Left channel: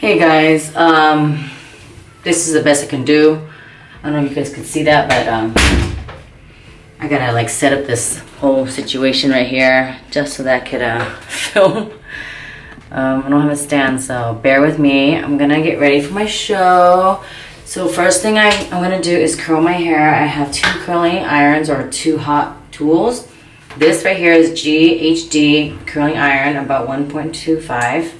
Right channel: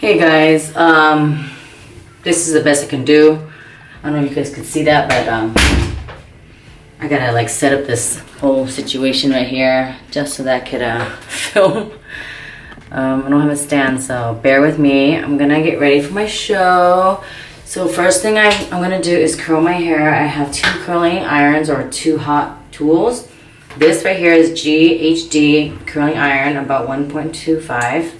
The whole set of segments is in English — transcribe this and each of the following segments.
Hey guys, this is the best I can do. I don't know if you guys could see that, but I gotta like set up this whole situation right here just so that I could film. I don't have a stand, so bear with me. I'm gonna get ready for my show. So first thing I'm gonna do is curl my hair. I have 2 curling irons or 2 hot tools. This right here is GHD curling iron, about 1.25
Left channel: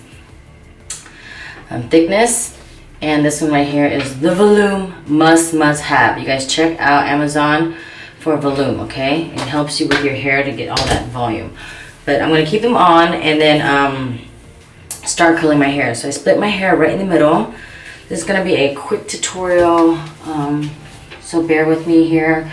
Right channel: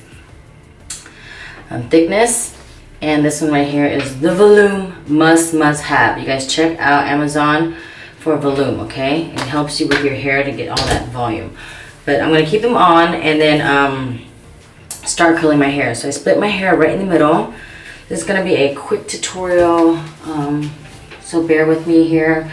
thickness, and this one right here is the Volume must have. You guys check out Amazon for Volume, okay? It helps you with your hair to get all that volume. But I'm gonna keep them on and then start curling my hair. So I split my hair right in the middle. This is gonna be a quick tutorial, so bear with me here.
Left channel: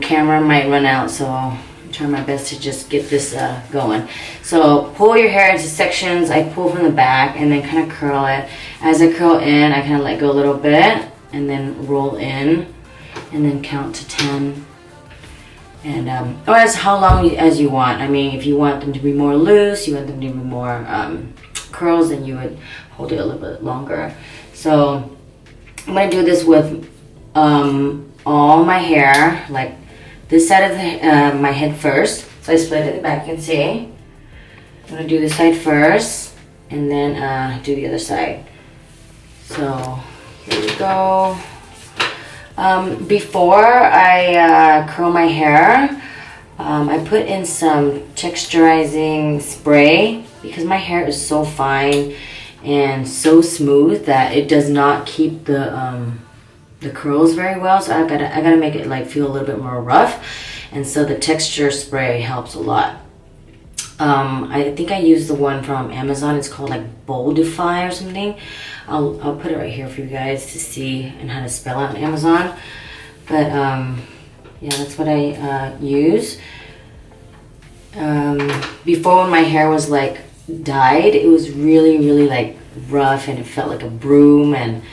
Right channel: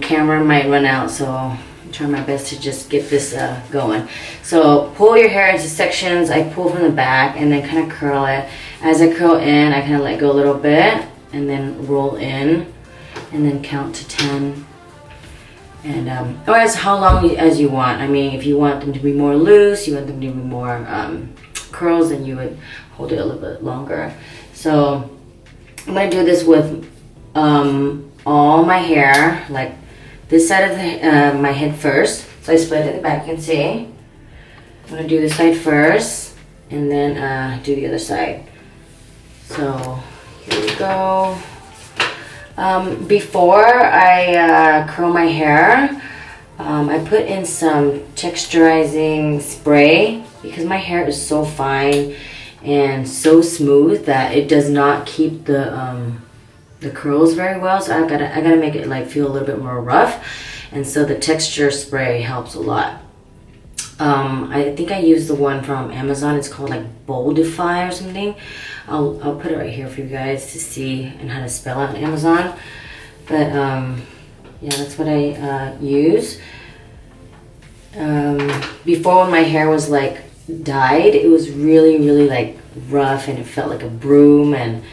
Camera might run out, so I'll try my best to just get this going. So pull your hair into sections. I pull from the back and then kind of curl it. As I curl in, I kind of let go a little bit and then roll in and then count to 10. And or as how long as you want. I mean, if you want them to be more loose, you want them to be more curls, then you would hold it a little bit longer. So I'm gonna do this with all my hair, like this side of my head first. So I split it at the back, you can see. I'm gonna do this side first and then do the other side. So here we go. Before I curl my hair, I put in some texturizing spray because my hair is so fine and so smooth that it does not keep the curls very well. So I gotta make it like feel a little bit more rough, and so the texture spray helps a lot. I think I used the one from Amazon. It's called like Boldify or something. I'll put it right here for you guys to see and how to spell it on Amazon. But yeah, that's what I use. Before, when my hair was like dyed, it was really like rough and it felt like a broom and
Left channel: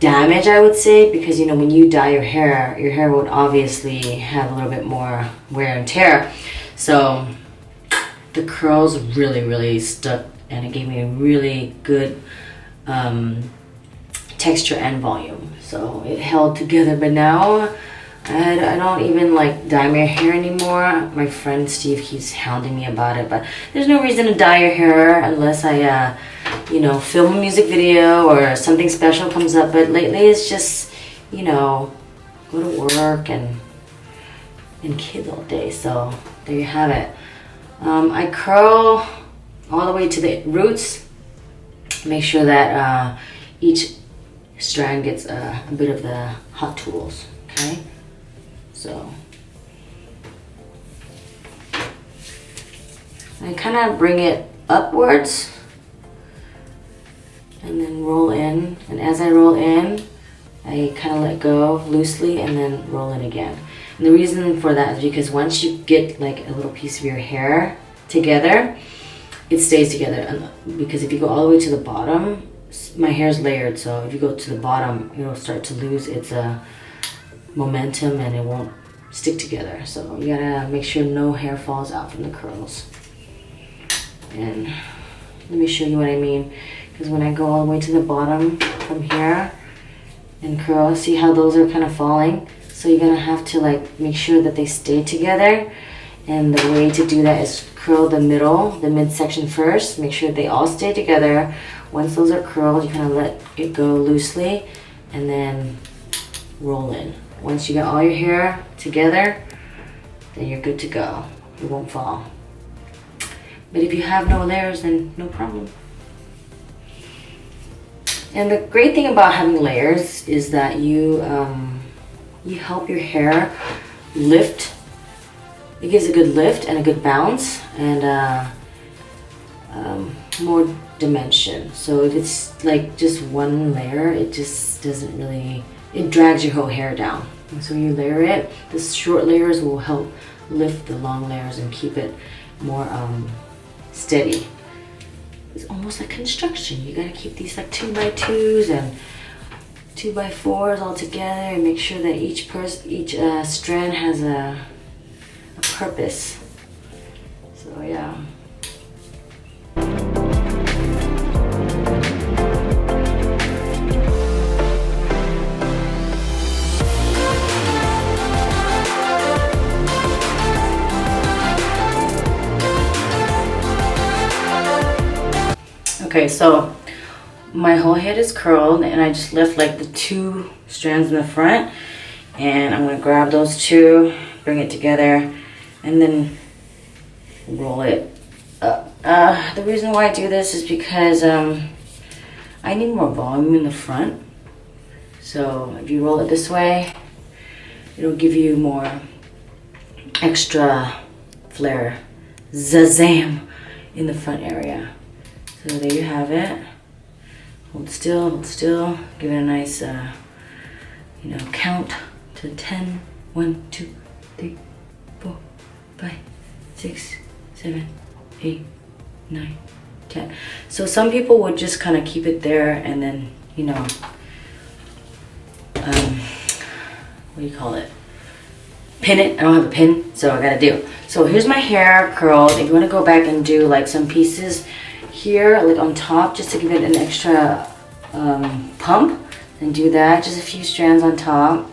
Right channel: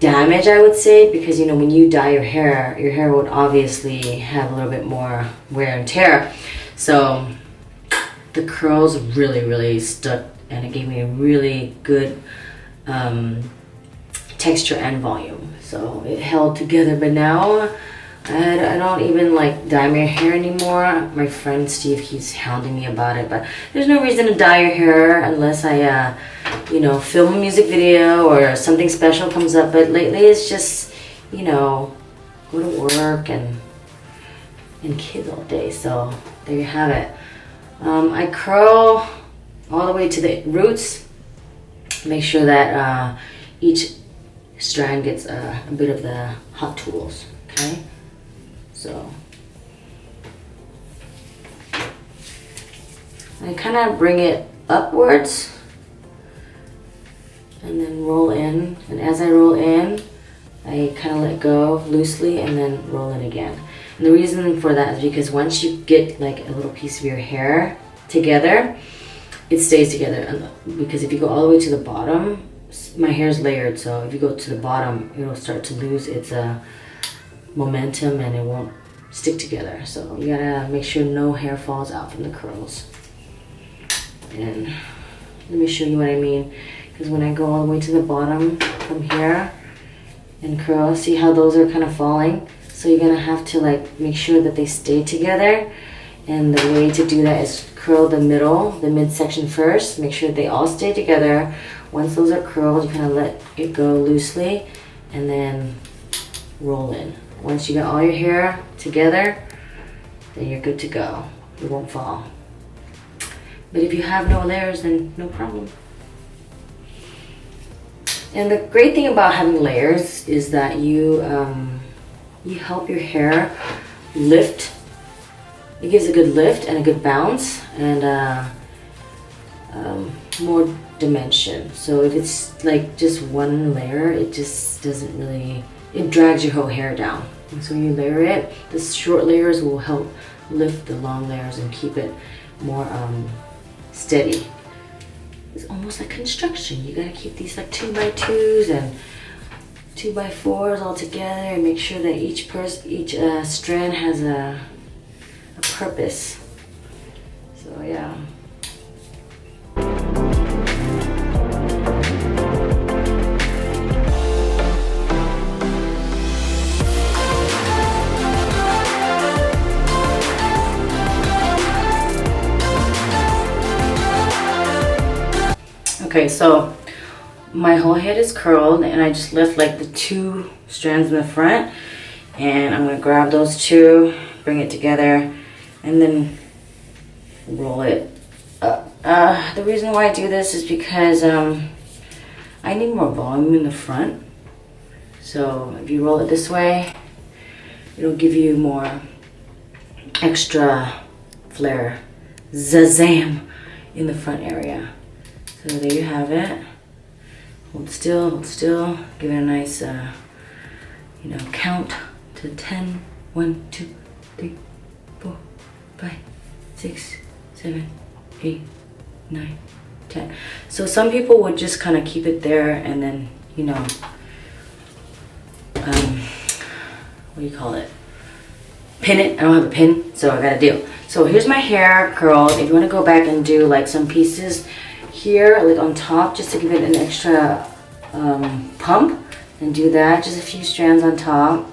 damage, I would say, because you know when you dye your hair would obviously have a little bit more wear and tear. So the curls really stuck and it gave me a really good texture and volume, so it held together. But now I don't even like dye my hair anymore. My friend Steve keeps hounding me about it, but there's no reason to dye your hair unless I you know, film a music video or something special comes up. But lately it's just, you know, go to work and kids all day. So there you have it. I curl all the way to the roots. Make sure that each strand gets a bit of the hot tools, okay? So I kind of bring it upwards and then roll in. And as I roll in, I kind of let go loosely and then roll in again. And the reason for that is because once you get like a little piece of your hair together, it stays together. And because if you go all the way to the bottom, my hair is layered, so if you go to the bottom, it'll start to lose its momentum and it won't stick together. So you gotta make sure no hair falls out from the curls. And let me show you what I mean. Because when I go all the way to the bottom from here and curl, see how those are kind of falling? So you're gonna have to like make sure that they stay together. And the way to do that is curl the middle, the midsection first. Make sure they all stay together. Once those are curled, you kind of let it go loosely and then roll in. Once you got all your hair together, then you're good to go. It won't fall. But if you have no layers, then no problem. And the great thing about having layers is that you help your hair lift. It gives a good lift and a good bounce and more dimension. So if it's like just one layer, it just doesn't really, it drags your whole hair down. And so when you layer it, the short layers will help lift the long layers and keep it more steady. It's almost like construction. You gotta keep these like 2x2s and 2x4s all together and make sure that each strand has a purpose. So yeah. Okay, so my whole head is curled and I just left like the 2 strands in the front, and I'm gonna grab those 2, bring it together, and then roll it up. The reason why I do this is because I need more volume in the front. So if you roll it this way, it'll give you more extra flare, zazam, in the front area. So there you have it. Hold still, give it a nice, count to 10. 1, 2, 3, 4, 5, 6, 7, 8, 9, 10. So some people would just kind of keep it there and then, what do you call it? Pin it. I don't have a pin, so I gotta do. So here's my hair curled. If you want to go back and do like some pieces here, like on top, just to give it an extra pump, and do that. Just a few strands on top.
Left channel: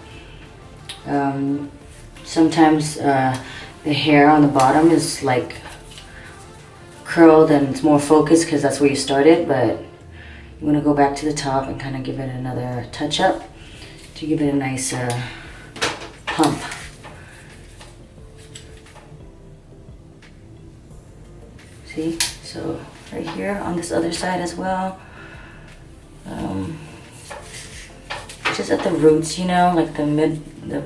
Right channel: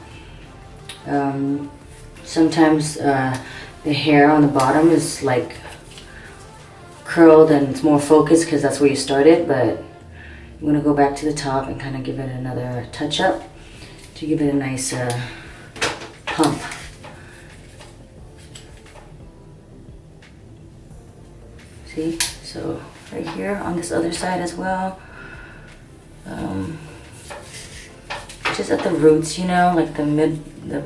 Sometimes the hair on the bottom is like curled and it's more focused because that's where you started, but you want to go back to the top and kind of give it another touch up to give it a nice pump. See? So right here on this other side as well. Just at the roots, like the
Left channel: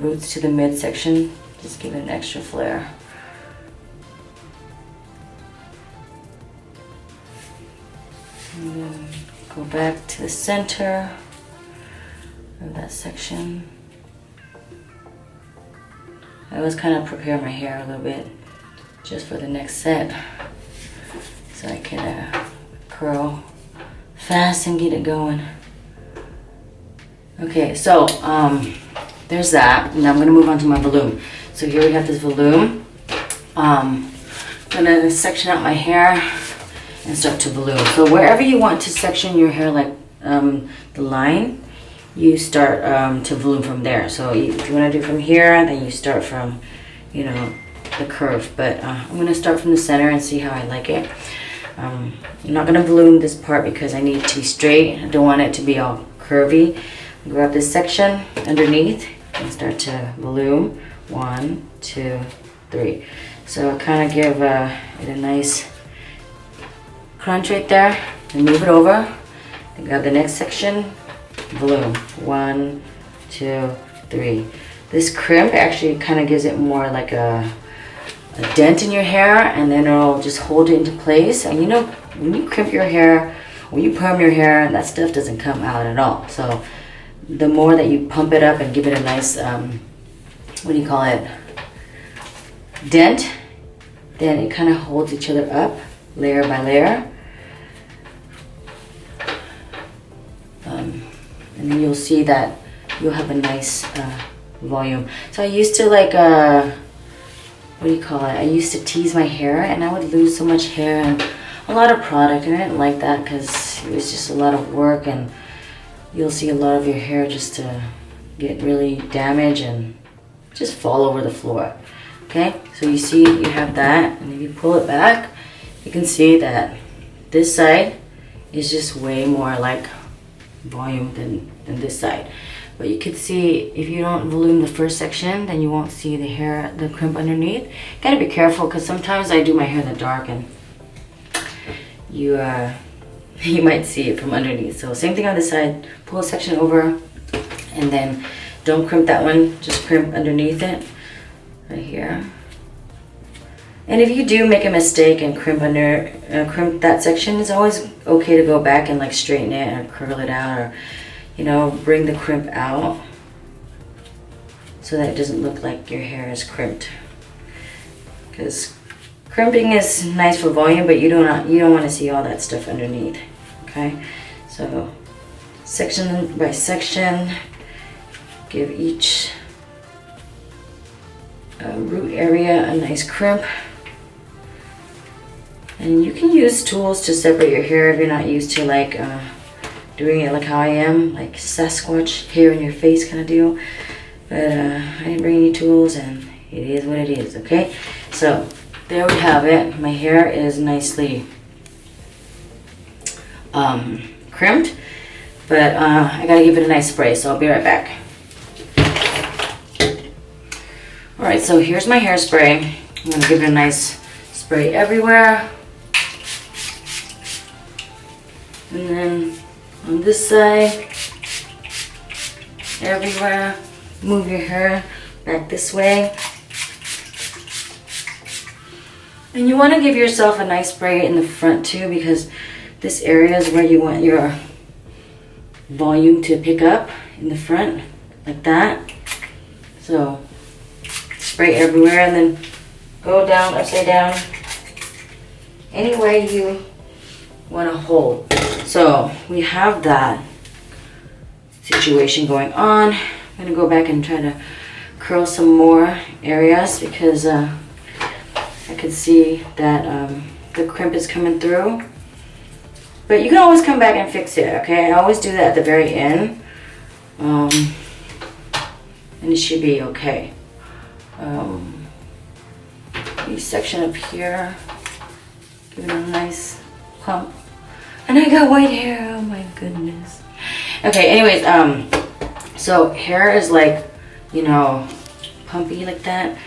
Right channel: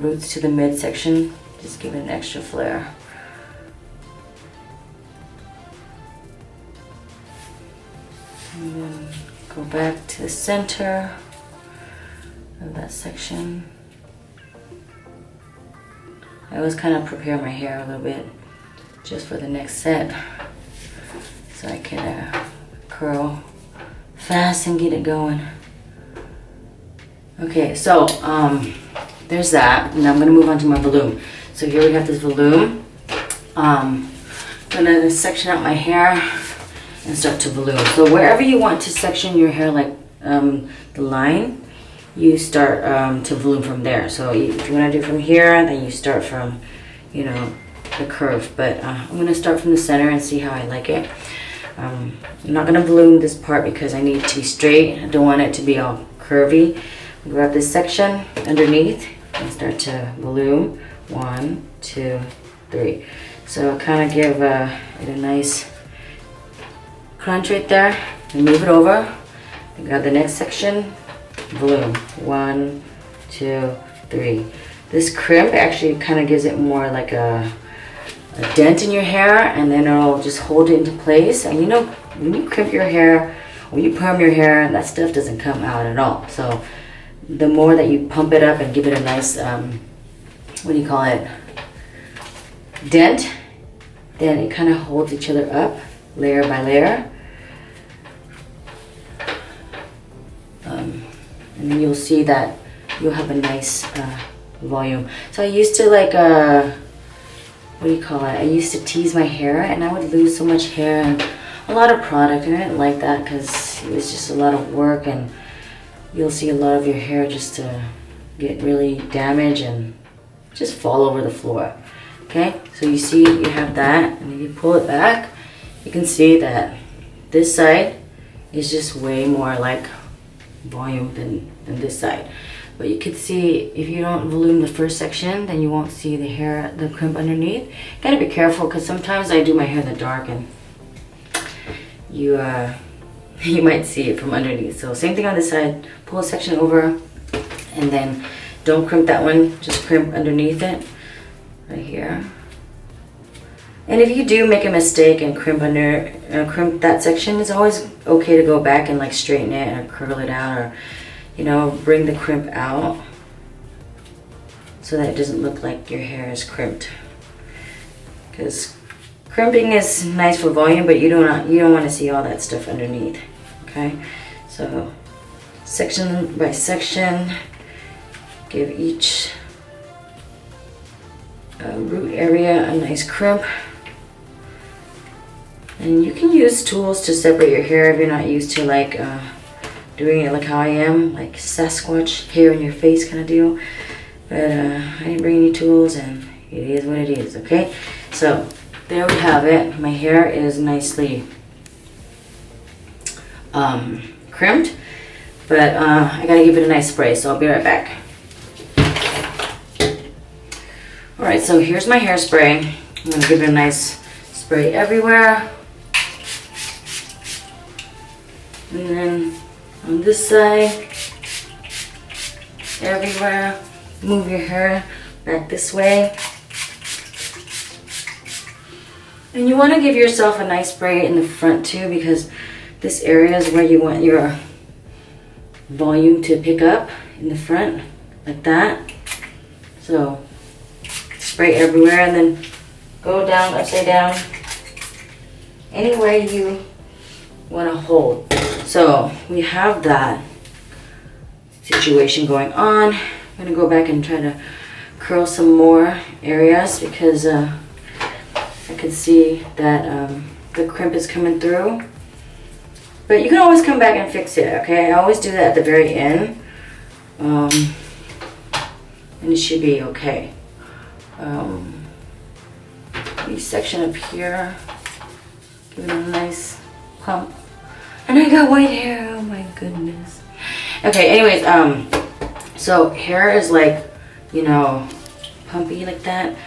roots to the midsection, just give it an extra flare. And then go back to the center of that section. I always kind of prepare my hair a little bit just for the next set, so I can curl fast and get it going. Okay, so there's that, and I'm gonna move on to my volume. So here we have this volume. I'm gonna section out my hair and start to volume. So wherever you want to section your hair, like the line, you start to volume from there. So if you want to do from here, then you start from, the curve. But I'm gonna start from the center and see how I like it. I'm not gonna volume this part because I need it to be straight. I don't want it to be all curvy. Grab this section underneath and start to volume. 1, 2, 3. So kind of give it a nice crunch right there, and move it over. Then grab the next section, volume. 1, 2, 3. This crimp actually kind of gives it more like a dent in your hair, and then it'll just hold it into place. And when you crimp your hair, when you perm your hair, that stuff doesn't come out at all. So the more that you pump it up and give it a nice, dent, then it kind of holds each other up layer by layer. And then you'll see that you'll have a nice volume. So I used to I used to tease my hair, and I would lose so much hair and a lot of product, and I didn't like that because it was just a lot of work, and you'll see a lot of your hair just get really damaged and just fall over the floor. Okay, so you see you have that, and if you pull it back, you can see that this side is just way more like volume than this side. But you could see if you don't volume the first section, then you won't see the crimp underneath. Gotta be careful, because sometimes I do my hair in the dark and you might see it from underneath. So same thing on this side, pull a section over, and then don't crimp that one, just crimp underneath it, right here. And if you do make a mistake and crimp that section, it's always okay to go back and straighten it or curl it out, or bring the crimp out so that it doesn't look like your hair is crimped. Because crimping is nice for volume, but you don't want to see all that stuff underneath. Okay, so section by section, give each root area a nice crimp. And you can use tools to separate your hair if you're not used to doing it like how I am, like Sasquatch hair in your face kind of deal. But I didn't bring any tools, and it is what it is. Okay, so there we have it. My hair is nicely crimped, but I gotta give it a nice spray, so I'll be right back. Alright, so here's my hairspray. I'm gonna give it a nice spray everywhere. And then on this side, everywhere. Move your hair back this way. And you want to give yourself a nice spray in the front too, because this area is where you want your volume to pick up in the front, like that. So spray everywhere and then go down, upside down, anywhere you want to hold. So we have that situation going on. I'm going to go back and try to curl some more areas because I could see that the crimp is coming through. But you can always come back and fix it, okay? I always do that at the very end. And it should be okay. This section up here, give it a nice pump. And I got white hair, oh my goodness. Okay, anyways, so hair is like, you know, pumpy like that.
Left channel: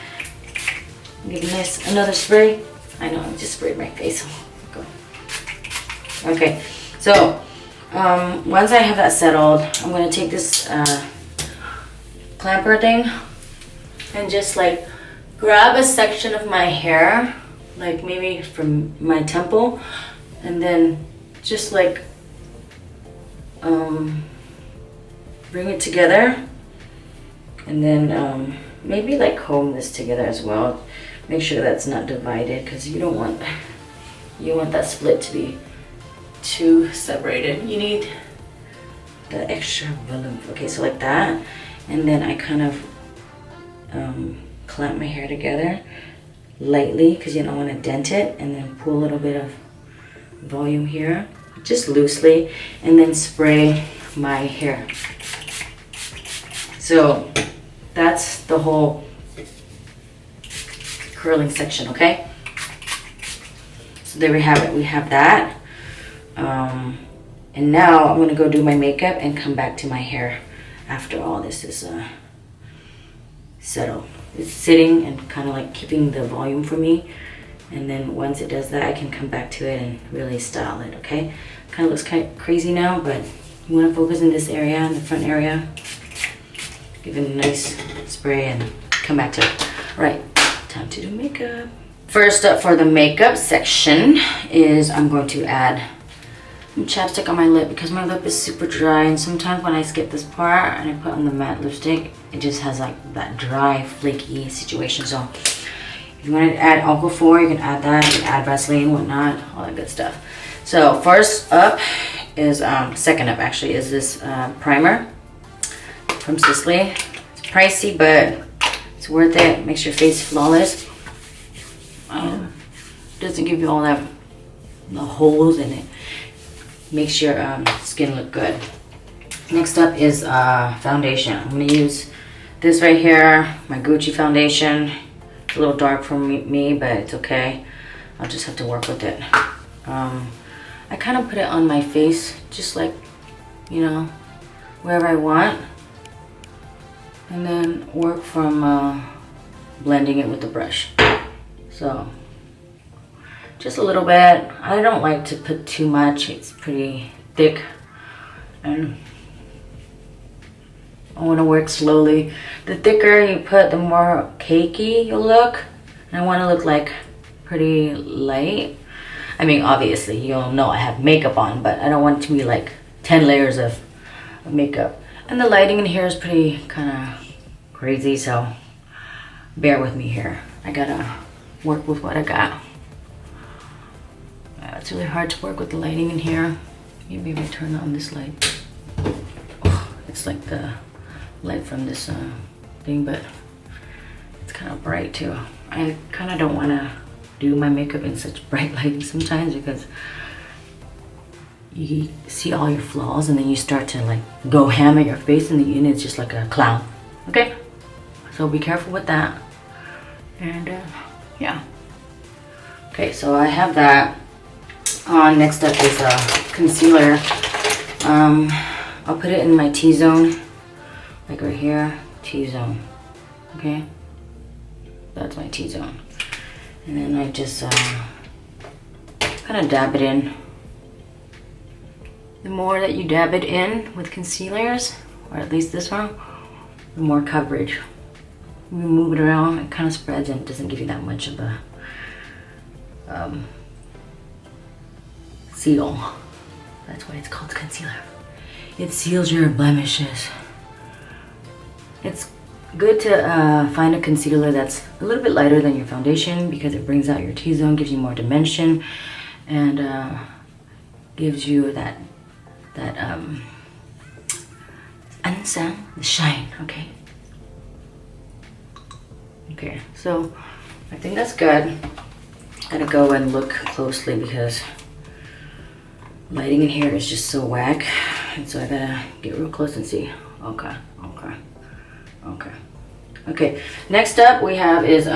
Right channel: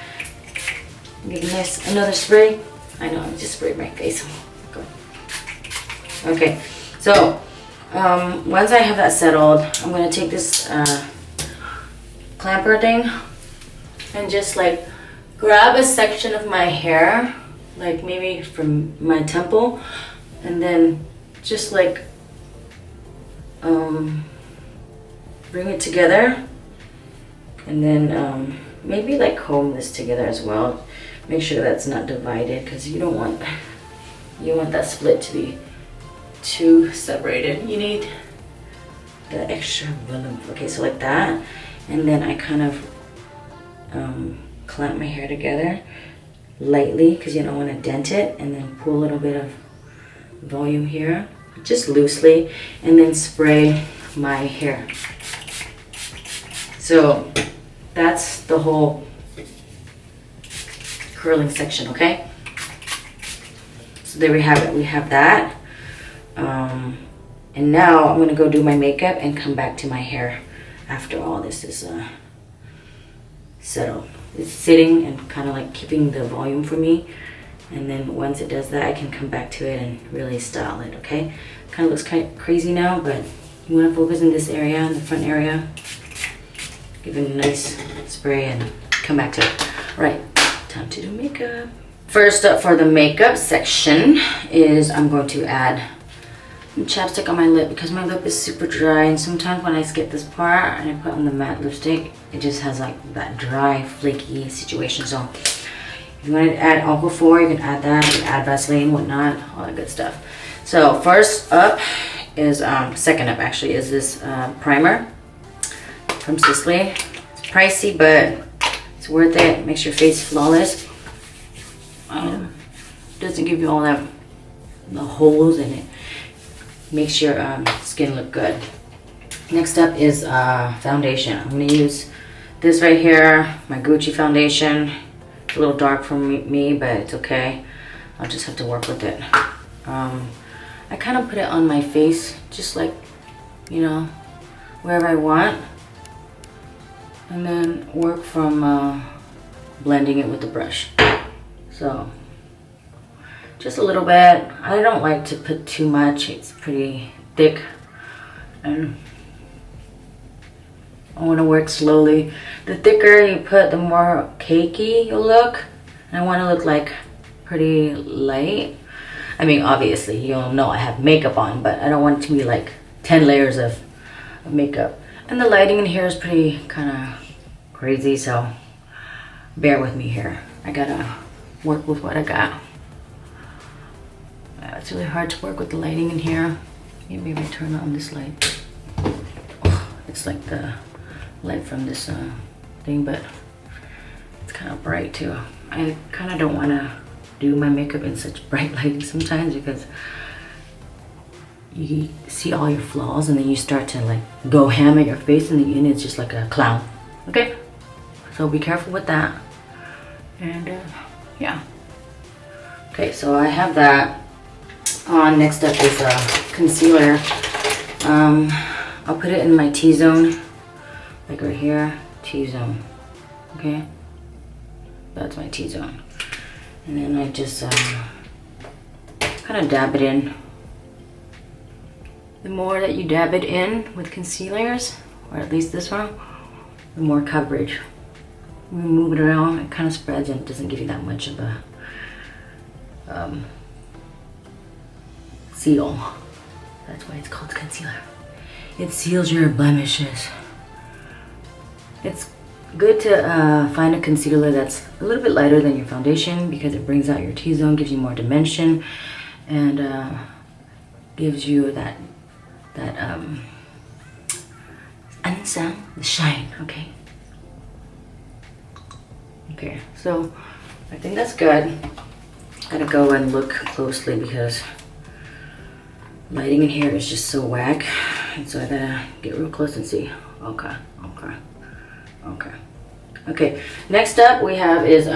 Give it a nice, another spray. I know, I just sprayed my face. Go. Okay, so once I have that settled, I'm gonna take this clamper thing and just like grab a section of my hair, like maybe from my temple, and then just like bring it together, and then maybe like comb this together as well. Make sure that's not divided, because you don't want that split to be too separated. You need the extra volume. Okay, so like that, and then I kind of clamp my hair together lightly because you don't want to dent it, and then pull a little bit of volume here, just loosely, and then spray my hair. So that's the whole curling section, okay? So there we have it. We have that. And now I'm gonna go do my makeup and come back to my hair after all this is settled. It's sitting and kind of like keeping the volume for me. And then once it does that, I can come back to it and really style it, okay? Kind of looks kind of crazy now, but you want to focus in this area, in the front area. Give it a nice spray and come back to it. All right, time to do makeup. First up for the makeup section is I'm going to add some chapstick on my lip because my lip is super dry, and sometimes when I skip this part and I put on the matte lipstick, it just has like that dry, flaky situation. So if you want to add Aquaphor, you can add that. You can add Vaseline, whatnot, all that good stuff. So first up is, second up actually, is this primer from Sisley. It's pricey, but it's worth it. Makes your face flawless. Doesn't give you all that, the holes in it. Makes your skin look good. Next up is foundation. I'm gonna use this right here, my Gucci foundation. It's a little dark for me, but it's okay. I'll just have to work with it. I kind of put it on my face, just like, you know, wherever I want. And then work from blending it with the brush. So, just a little bit. I don't like to put too much. It's pretty thick. And I want to work slowly. The thicker you put, the more cakey you'll look. And I want to look like pretty light. I mean, obviously, you'll know I have makeup on, but I don't want it to be like 10 layers of makeup. And the lighting in here is pretty kind of crazy, so bear with me here. I gotta work with what I got. It's really hard to work with the lighting in here. Maybe we turn on this light. Oh, it's like the light from this thing, but it's kind of bright too. I kind of don't want to do my makeup in such bright lighting sometimes because you see all your flaws and then you start to like go ham at your face and the end it's just like a clown. Okay, so be careful with that. And yeah. Okay, so I have that on. Next up is concealer. I'll put it in my T-zone, like right here, T-zone, okay? That's my T-zone. And then I just kind of dab it in. The more that you dab it in with concealers, or at least this one, the more coverage. When you move it around, it kind of spreads and doesn't give you that much of a seal. That's why it's called concealer. It seals your blemishes. It's good to find a concealer that's a little bit lighter than your foundation because it brings out your T-zone, gives you more dimension, and gives you that the shine, okay? Okay, so I think that's good. Gotta go and look closely because lighting in here is just so whack. And so I gotta get real close and see. Okay, okay, okay. Okay, next up we have is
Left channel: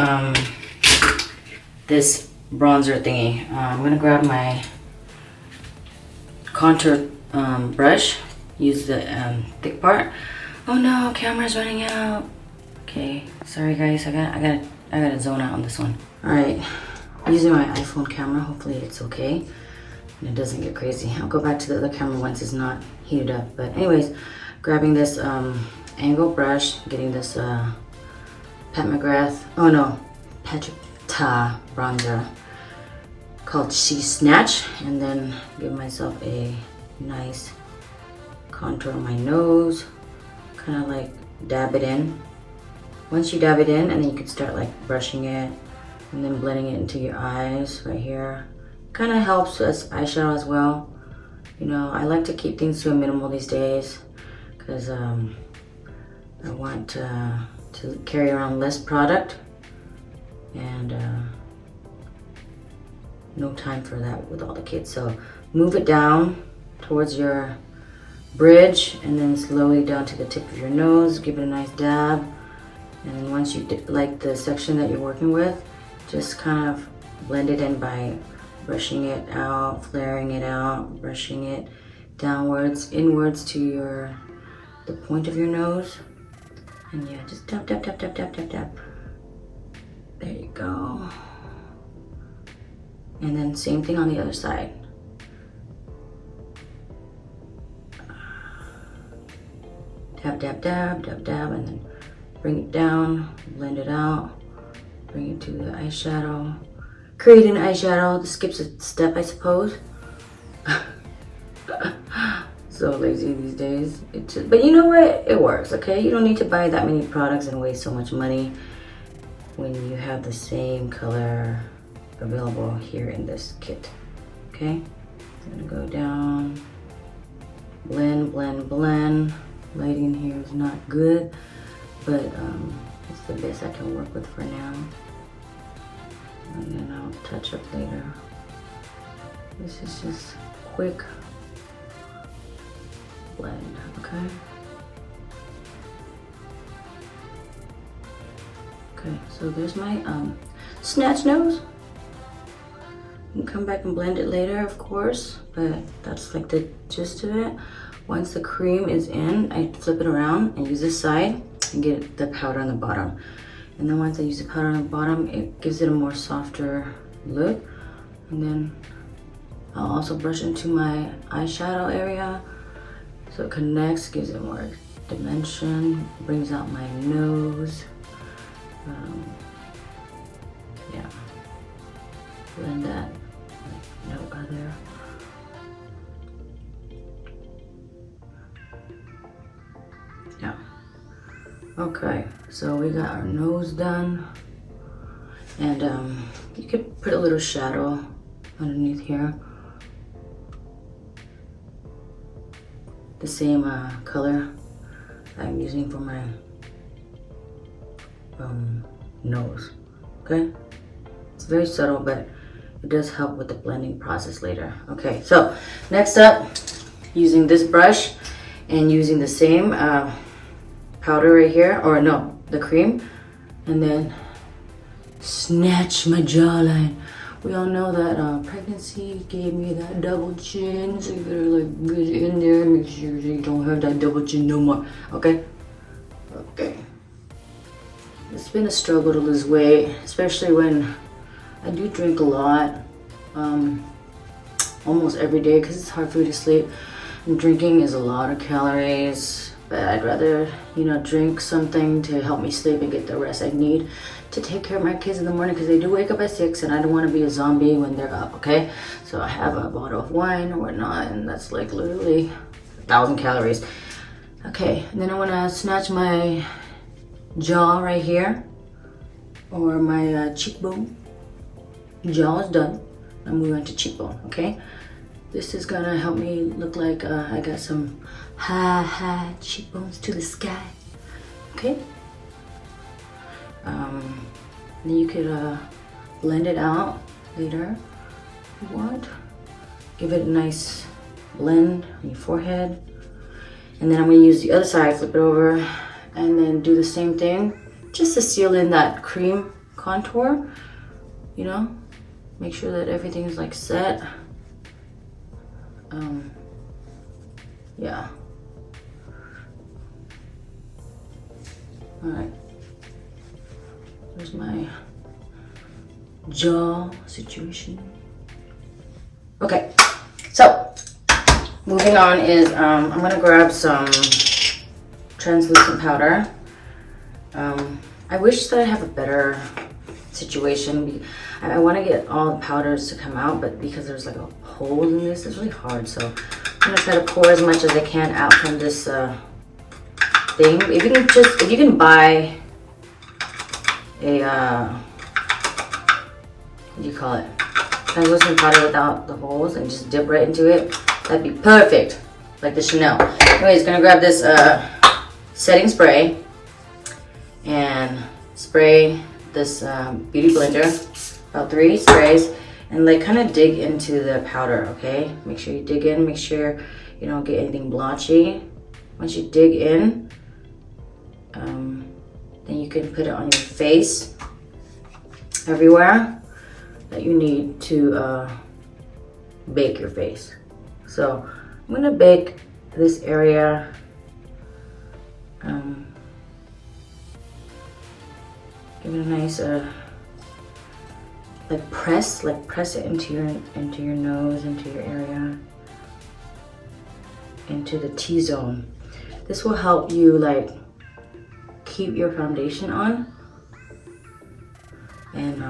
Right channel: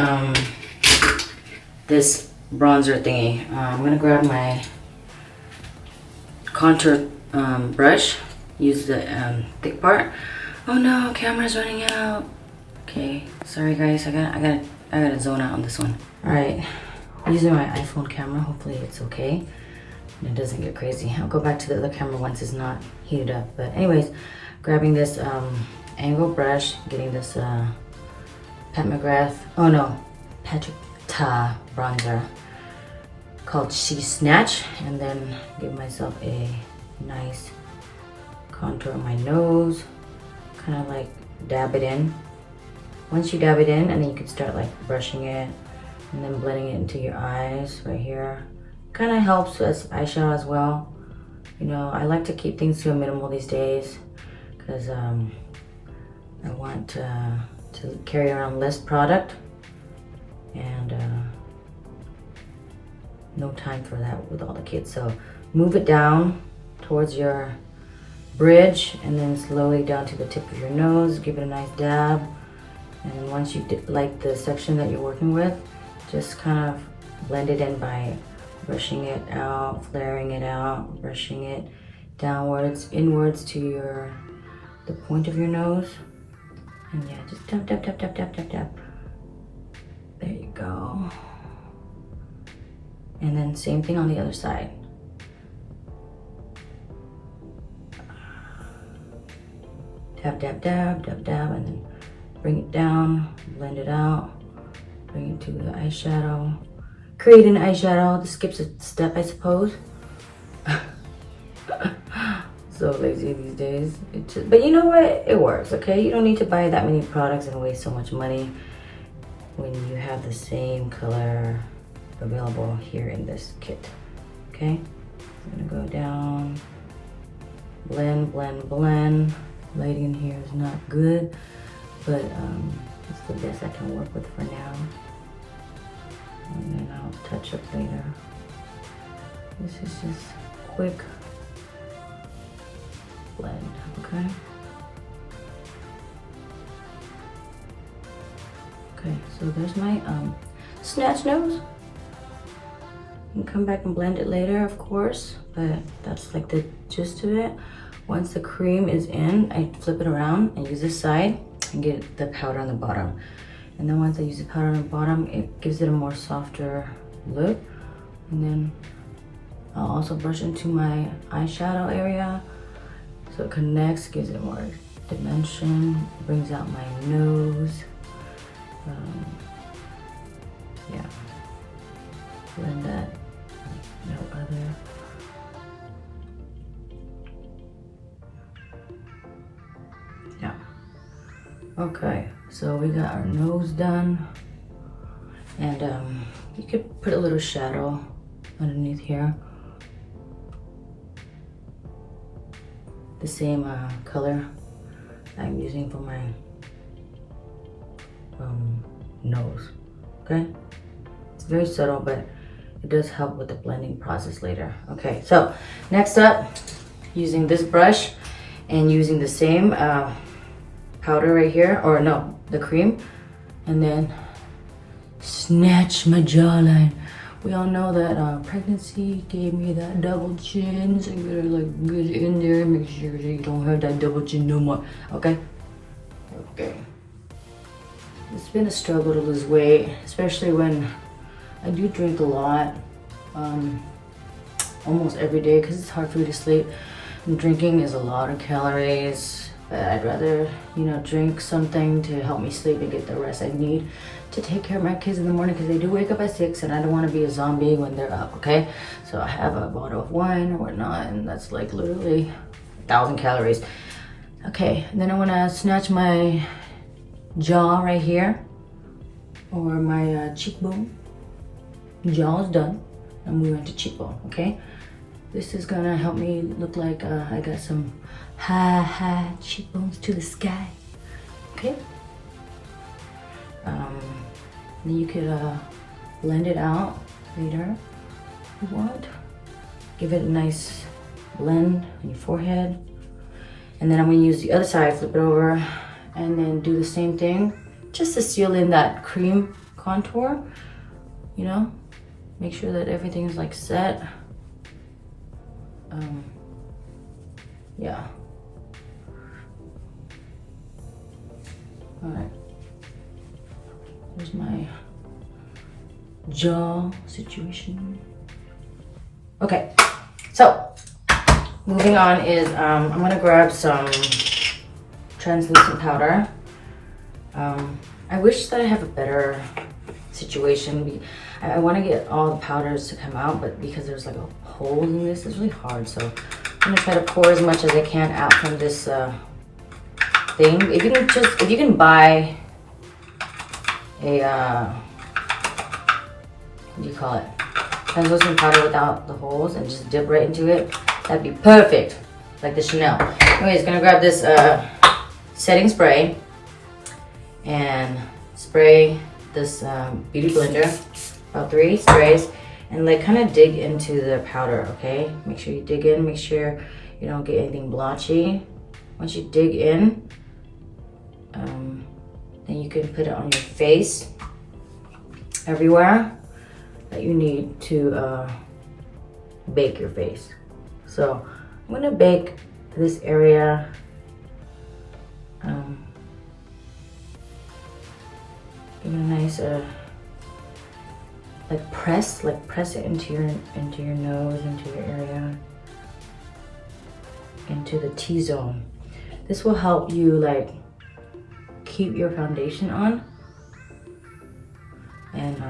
this bronzer thingy. I'm gonna grab my contour brush, use the thick part. Oh no, camera's running out. Okay, sorry guys, I gotta zone out on this one. All right, using my iPhone camera, hopefully it's okay and it doesn't get crazy. I'll go back to the other camera once it's not heated up. But anyways, grabbing this angle brush, getting this Pat McGrath, oh no, Patrick Ta bronzer called She Snatch, and then give myself a nice contour on my nose, kind of like dab it in. Once you dab it in, and then you can start like brushing it and then blending it into your eyes right here. Kind of helps as eyeshadow as well. You know, I like to keep things to a minimal these days because I want to carry around less product, and no time for that with all the kids. So move it down towards your bridge and then slowly down to the tip of your nose. Give it a nice dab, and then once you like the section that you're working with, just kind of blend it in by brushing it out, flaring it out, brushing it downwards, inwards to the point of your nose. And yeah, just tap, tap, tap, tap, tap, tap, tap. There you go. And then same thing on the other side. Tap, tap, tap, tap, tap, and then bring it down, blend it out, bring it to the eyeshadow. Create an eyeshadow. This skips a step, I suppose. So lazy these days. But you know what? It works, okay? You don't need to buy that many products and waste so much money when you have the same color available here in this kit, okay? I'm gonna go down, blend, blend, blend. Lighting here is not good, but it's the best I can work with for now. And then I'll touch up later. This is just quick blend, okay? Okay, so there's my snatch nose. You can come back and blend it later, of course, but that's like the gist of it. Once the cream is in, I flip it around and use this side and get the powder on the bottom. And then once I use the powder on the bottom, it gives it a more softer look. And then I'll also brush into my eyeshadow area so it connects, gives it more dimension, brings out my nose. Yeah, blend that no other. Yeah. Okay, so we got our nose done, and you could put a little shadow underneath here. The same color I'm using for my nose. Okay, it's very subtle, but it does help with the blending process later. Okay, so next up, using this brush and using the same powder right here, or no, the cream, and then snatch my jawline We all know that pregnancy gave me that double chin, so you better like get in there and make sure you don't have that double chin no more. Okay? Okay. It's been a struggle to lose weight, especially when I do drink a lot, almost every day, because it's hard for me to sleep. And drinking is a lot of calories, but I'd rather, you know, drink something to help me sleep and get the rest I need to take care of my kids in the morning, because they do wake up at 6 and I don't want to be a zombie when they're up, okay? So I have a bottle of wine or whatnot, and that's like literally 1,000 calories. Okay, and then I want to snatch my jaw right here, or my cheekbone. Jaw is done. I'm moving to cheekbone, okay? This is gonna help me look like I got some high cheekbones to the sky, okay? Then you could blend it out later if you want. Give it a nice blend on your forehead. And then I'm gonna use the other side, flip it over, and then do the same thing, just to seal in that cream contour, you know? Make sure that everything's like set. Yeah. All right. There's my jaw situation. Okay, so moving on is I'm gonna grab some translucent powder. I wish that I have a better situation. I want to get all the powders to come out, but because there's like a hole in this, it's really hard. So I'm gonna try to pour as much as I can out from this thing. If you can buy a what do you call it? Translucent powder without the holes and just dip right into it, that'd be perfect, like the Chanel. Anyways, gonna grab this setting spray and spray this beauty blender, about 3 sprays, and like kind of dig into the powder, okay? Make sure you dig in, make sure you don't get anything blotchy. Once you dig in, then you can put it on your face, everywhere that you need to bake your face. So I'm gonna bake this area. Give it a nice press it into your nose, into your area, into the T-zone. This will help you like keep your foundation on and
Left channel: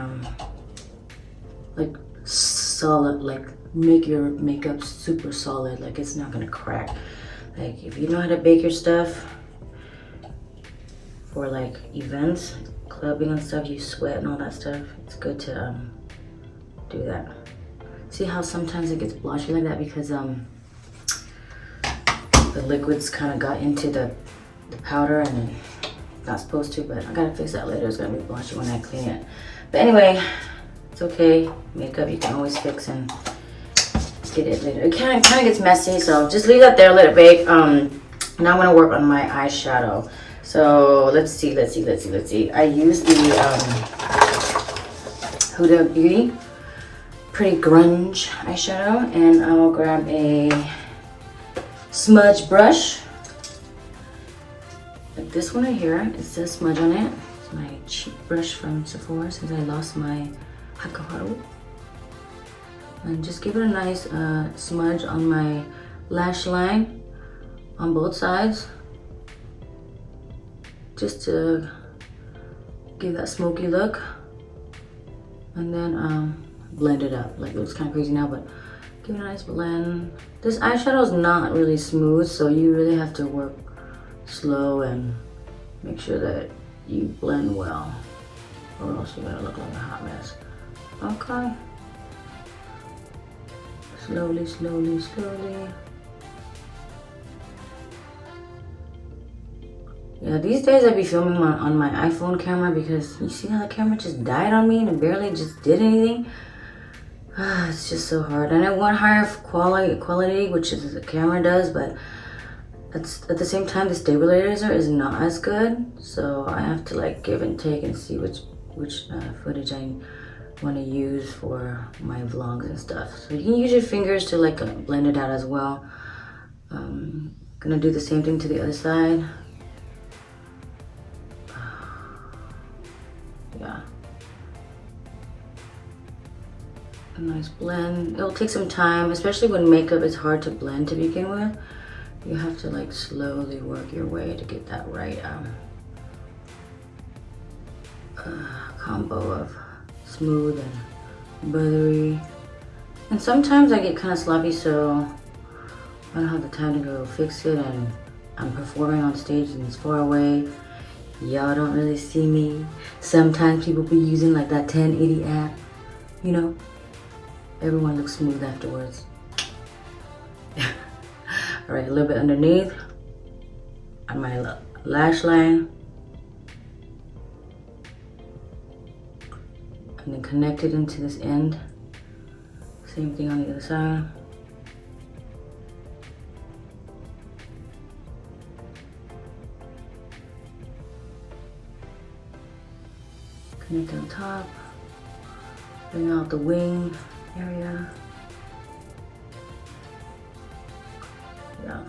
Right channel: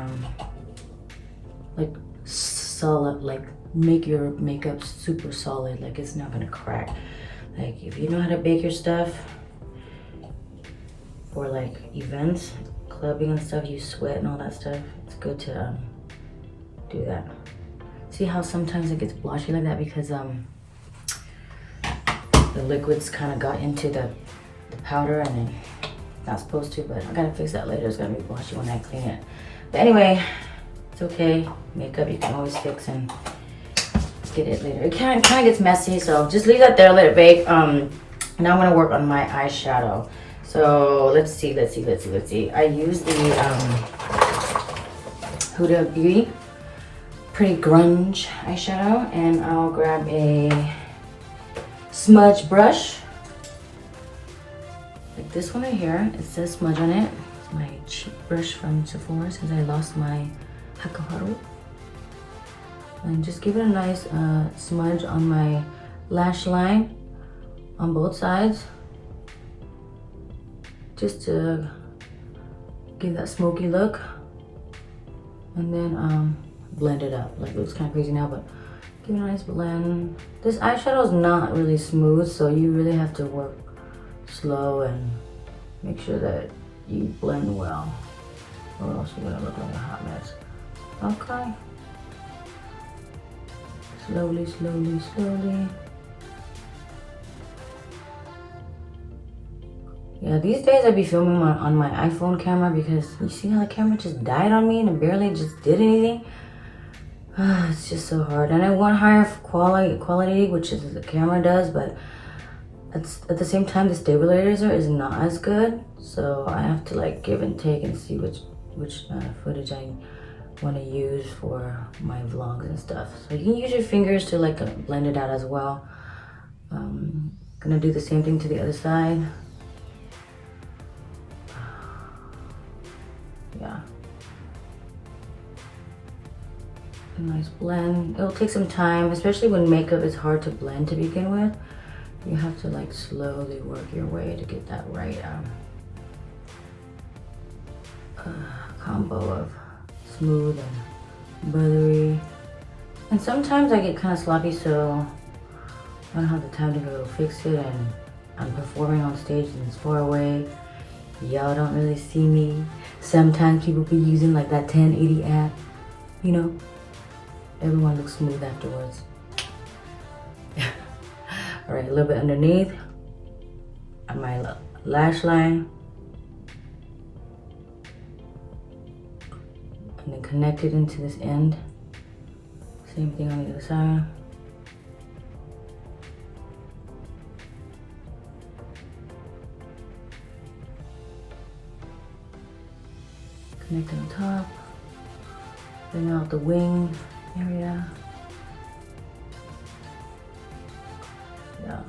like solid, like make your makeup super solid, like it's not gonna crack. Like if you know how to bake your stuff for like events, clubbing and stuff, you sweat and all that stuff, it's good to do that. See how sometimes it gets blotchy like that because the liquids kind of got into the powder and then not supposed to, but I gotta fix that later. It's gonna be blotchy when I clean it. But anyway, it's okay. Makeup you can always fix and get it later. It kind of gets messy, so just leave that there, let it bake. Now I'm gonna work on my eyeshadow. So let's see. I use the Huda Beauty Pretty Grunge eyeshadow, and I'll grab a smudge brush. Like this one right here, it says smudge on it. It's my cheap brush from Sephora since I lost my Hakaharu. And just give it a nice smudge on my lash line on both sides. Just to give that smoky look. And then blend it up. Like it looks kind of crazy now, but give it a nice blend. This eyeshadow is not really smooth, so you really have to work slow and make sure that you blend well, or else you're gonna look like a hot mess. Okay. Slowly. Yeah, these days I be filming on my iPhone camera because you see how the camera just died on me and it barely just did anything. It's just so hard. And I want higher quality, which is the camera does, but at the same time the stabilizer is not as good. So I have to like give and take and see which footage I want to use for my vlogs and stuff. So you can use your fingers to like blend it out as well. Gonna do the same thing to the other side. Yeah. A nice blend. It'll take some time, especially when makeup is hard to blend to begin with. You have to like slowly work your way to get that right combo of smooth and buttery. And sometimes I get kind of sloppy, so I don't have the time to go fix it, and I'm performing on stage and it's far away. Y'all don't really see me. Sometimes people be using like that 1080 app, you know. Everyone looks smooth afterwards. All right, a little bit underneath on my lash line. And then connect it into this end. Same thing on the other side. Connect it on top. Bring out the wing area. Yeah.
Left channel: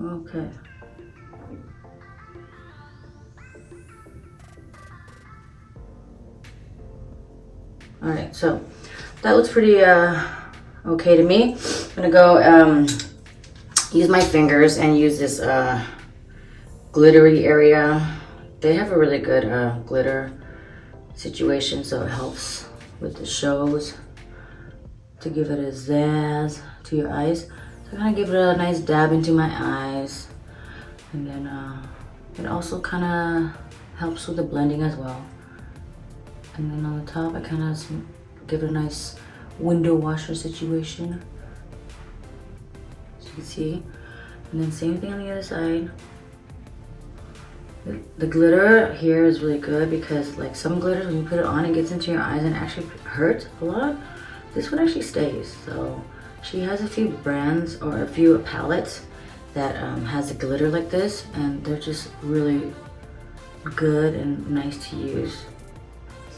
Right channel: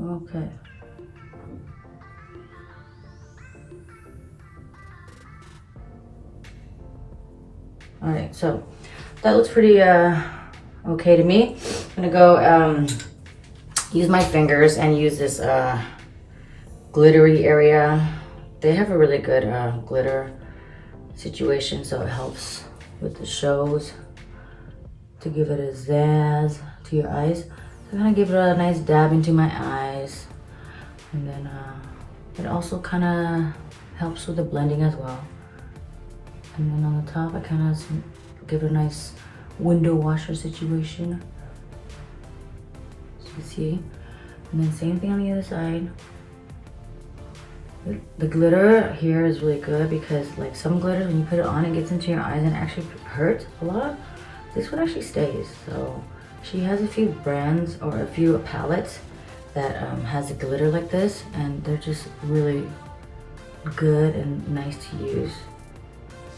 Okay. All right, so that looks pretty okay to me. I'm gonna go use my fingers and use this glittery area. They have a really good glitter situation, so it helps with the shows to give it a zazz to your eyes. So I'm gonna give it a nice dab into my eyes, and then it also kind of helps with the blending as well. And then on the top, I kind of give it a nice window washer situation, as you can see. And then same thing on the other side. The glitter here is really good because like some glitters, when you put it on, it gets into your eyes and actually hurts a lot. This one actually stays. So she has a few brands or a few palettes that has a glitter like this, and they're just really good and nice to use.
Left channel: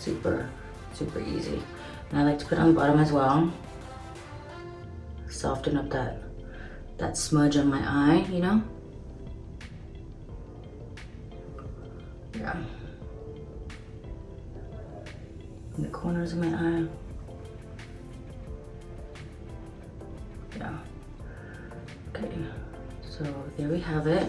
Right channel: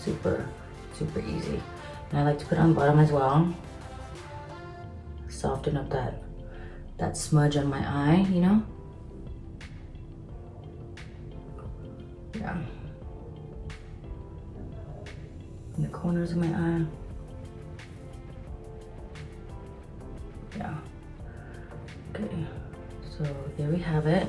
Super easy. And I like to put it on the bottom as well. Soften up that smudge on my eye, you know? Yeah. In the corners of my eye. Yeah. Okay. So there we have it.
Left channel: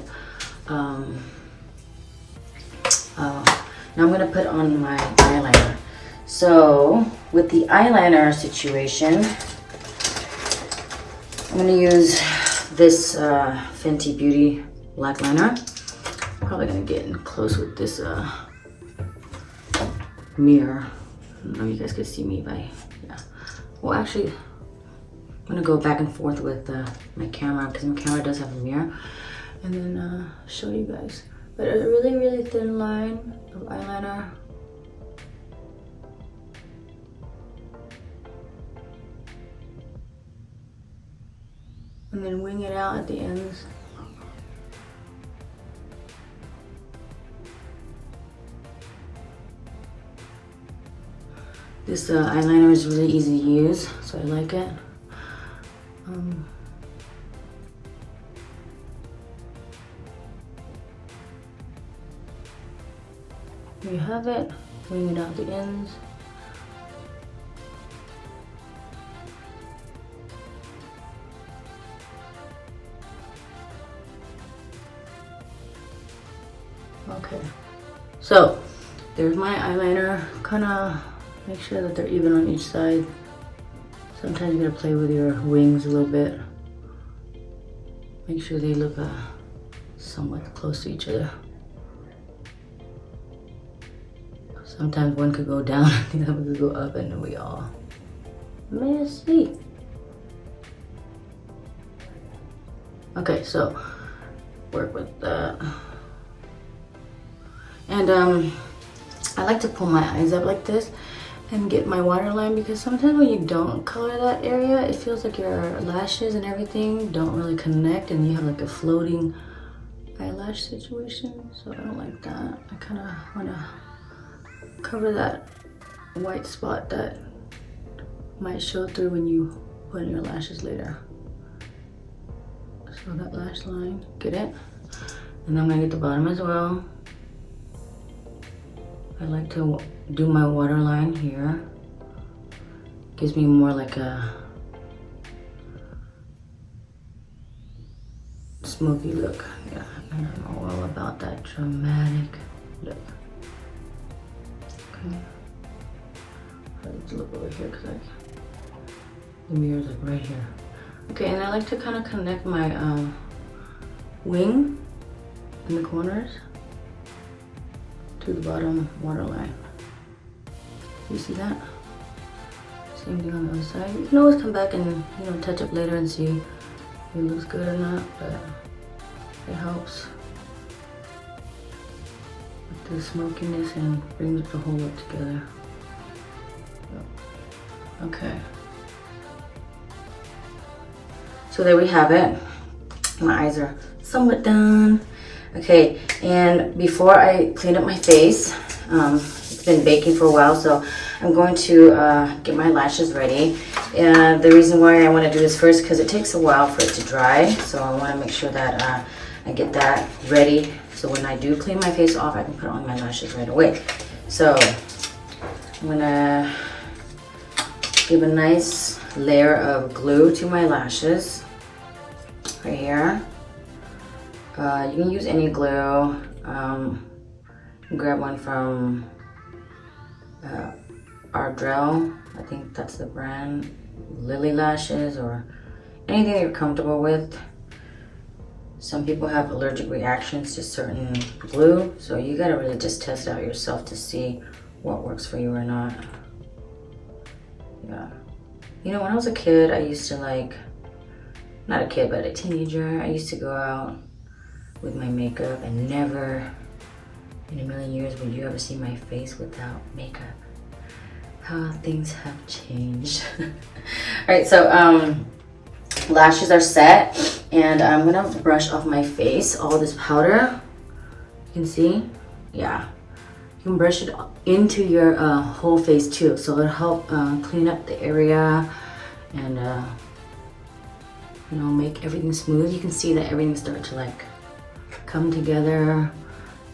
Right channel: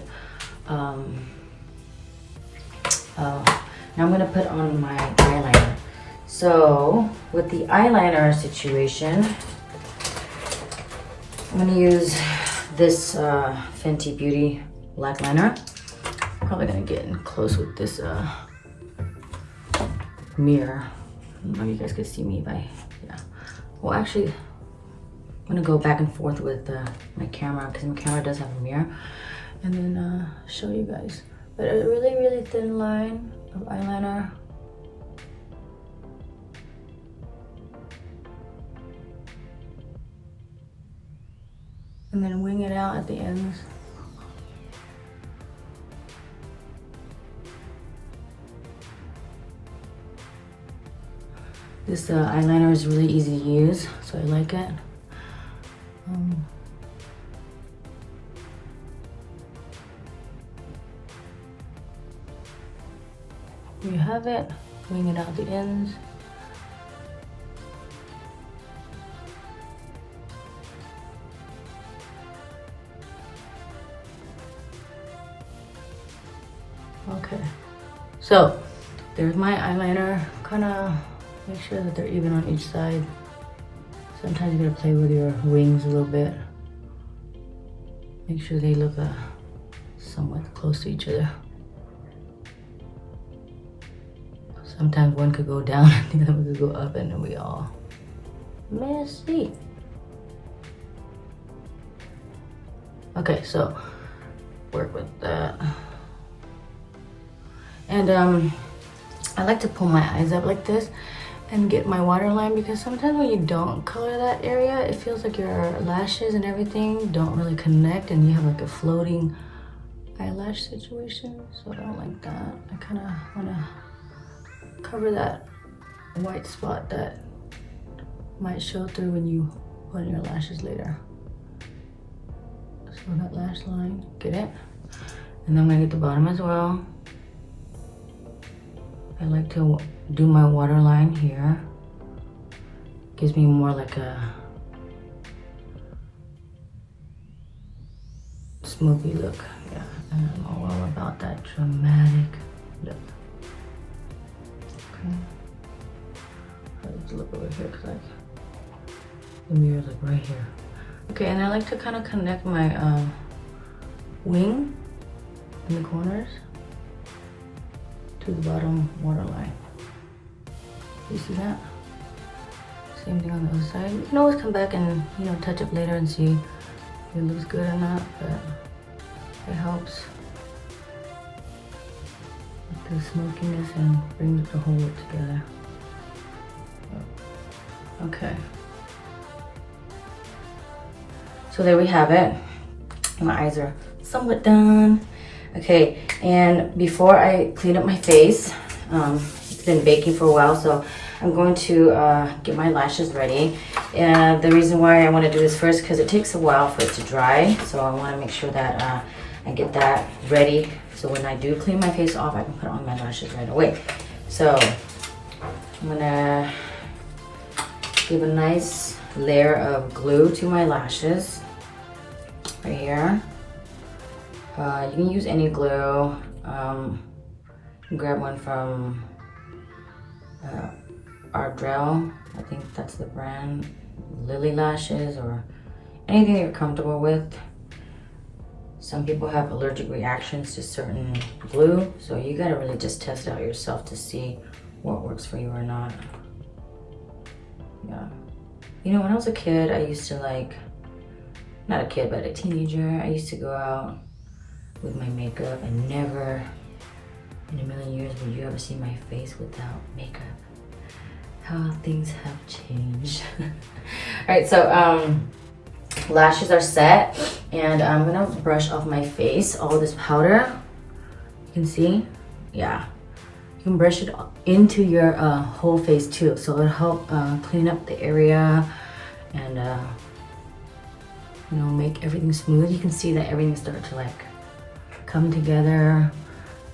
Now I'm gonna put on my eyeliner. So with the eyeliner situation, I'm gonna use this Fenty Beauty black liner. Probably gonna get in close with this mirror. I don't know if you guys could see me by, yeah. Well, actually, I'm gonna go back and forth with my camera because my camera does have a mirror, and then show you guys. But a really thin line of eyeliner. And then wing it out at the ends. This eyeliner is really easy to use, so I like it. You have it, wing it out the ends. Okay, so there's my eyeliner. Kind of make sure that they're even on each side. Sometimes you gotta play with your wings a little bit. Make sure they look somewhat close to each other. Sometimes one could go down and the other could go up, and then we all messy. Okay, so work with that. And I like to pull my eyes up like this and get my waterline, because sometimes when you don't color that area, it feels like your lashes and everything don't really connect, and you have like a floating eyelash situation, so I don't like that. I kind of want to cover that white spot that might show through when you put in your lashes later. So that lash line, get it? And then I'm gonna get the bottom as well. I like to do my waterline here. Gives me more like a smoky look. Yeah, and I'm all about that dramatic look. Okay. Let's look over here because like the mirror's like right here. Okay, and I like to kind of connect my wing in the corners to the bottom waterline. You see that? Same thing on the other side. You can always come back and, you know, touch up later and see if it looks good or not, but it helps with the smokiness and brings the whole look together. Okay. So there we have it. My eyes are somewhat done. Okay, and before I clean up my face, it's been baking for a while, so I'm going to get my lashes ready. And the reason why I want to do this first, because it takes a while for it to dry, so I want to make sure that I get that ready, so when I do clean my face off, I can put on my lashes right away. So I'm gonna give a nice layer of glue to my lashes right here. You can use any glue. You can grab one from Ardell. I think that's the brand. Lily Lashes, or anything that you're comfortable with. Some people have allergic reactions to certain glue, so you gotta really just test it out yourself to see what works for you or not. Yeah. You know, when I was a kid, I used to like, not a kid, but a teenager, I used to go out with my makeup, and never in a million years would you ever see my face without makeup. How things have changed. All right, so lashes are set, and I'm gonna brush off my face all this powder. You can see, yeah. You can brush it into your whole face too, so it'll help clean up the area and you know, make everything smooth. You can see that everything starts to like come together.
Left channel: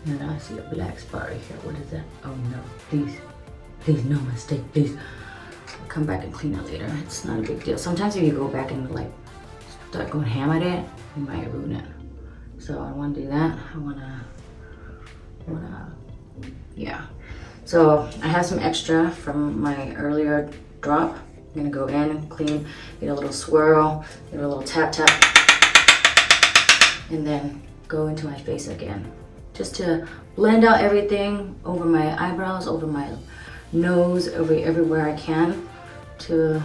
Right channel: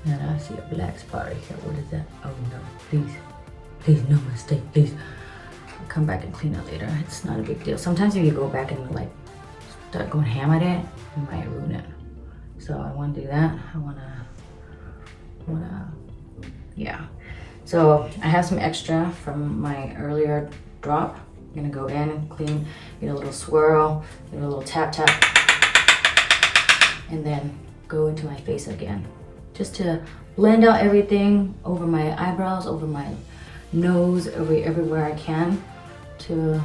And I see a black spot right here. What is that? Oh no, please, please, no mistake, please. I'll come back and clean it later. It's not a big deal. Sometimes if you go back and like start going ham at it, you might ruin it. So I want to do that. I wanna, yeah. So I have some extra from my earlier drop. I'm gonna go in and clean, get a little swirl, get a little tap tap, and then go into my face again. Just to blend out everything over my eyebrows, over my nose, everywhere I can, to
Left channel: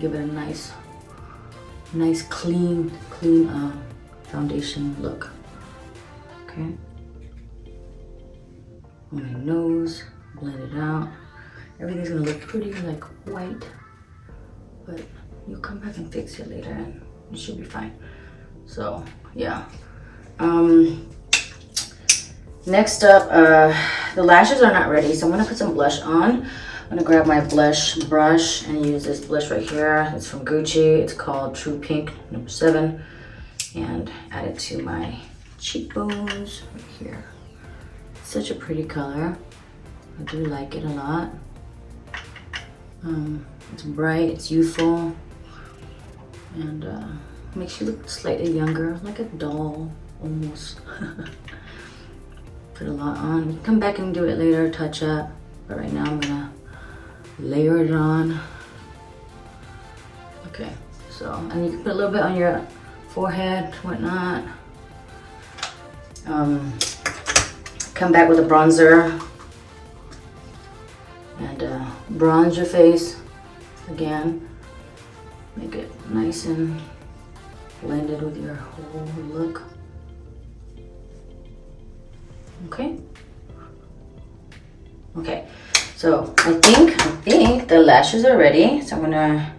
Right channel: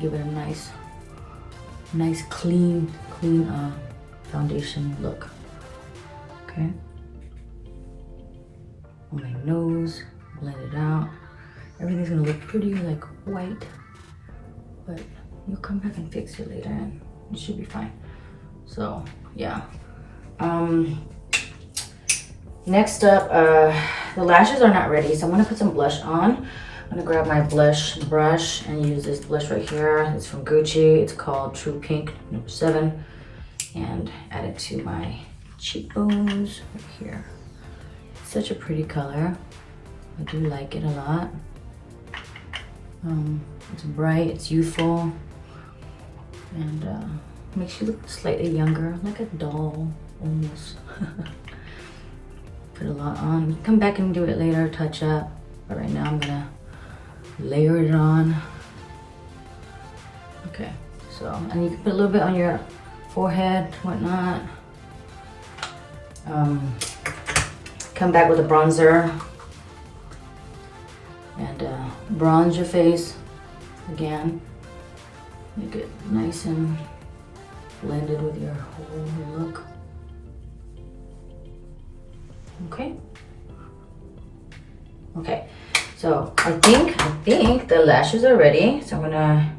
give it a nice clean foundation look. Okay. On my nose, blend it out. Everything's gonna look pretty like white, but you'll come back and fix it later and it should be fine. So yeah. Next up, the lashes are not ready, so I'm gonna put some blush on. I'm gonna grab my blush brush and use this blush right here. It's from Gucci. It's called True Pink number 7, and add it to my cheekbones right here. It's such a pretty color. I do like it a lot. It's bright, it's youthful, and makes you look slightly younger, like a doll almost. Put a lot on. We can come back and do it later, touch up, but right now I'm gonna layer it on. Okay, so, and you can put a little bit on your forehead, whatnot. Come back with a bronzer and bronze your face again. Make it nice and blended with your whole look. Okay. Okay. So I think the lashes are ready. So I'm gonna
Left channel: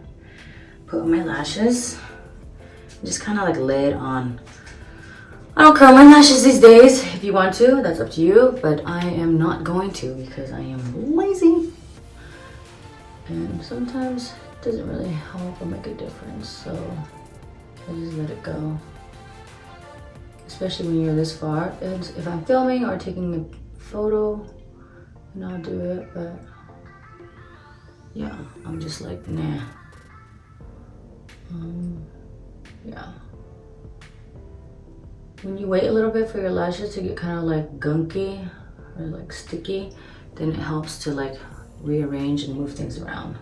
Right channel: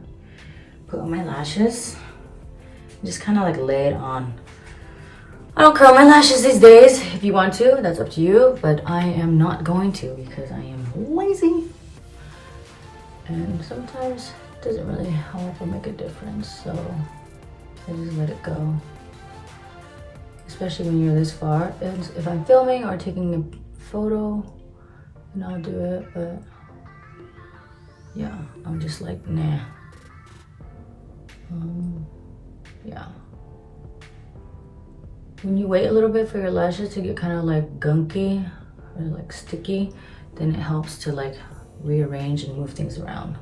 put on my lashes. Just kind of like lay it on I don't curl my lashes these days. If you want to, that's up to you, but I am not going to because I am lazy. And sometimes it doesn't really help or make a difference, so I just let it go. Especially when you're this far. And if I'm filming or taking a photo, then I'll do it, but yeah, I'm just like, nah. Yeah. When you wait a little bit for your lashes to get kind of like gunky or like sticky, then it helps to like rearrange and move things around,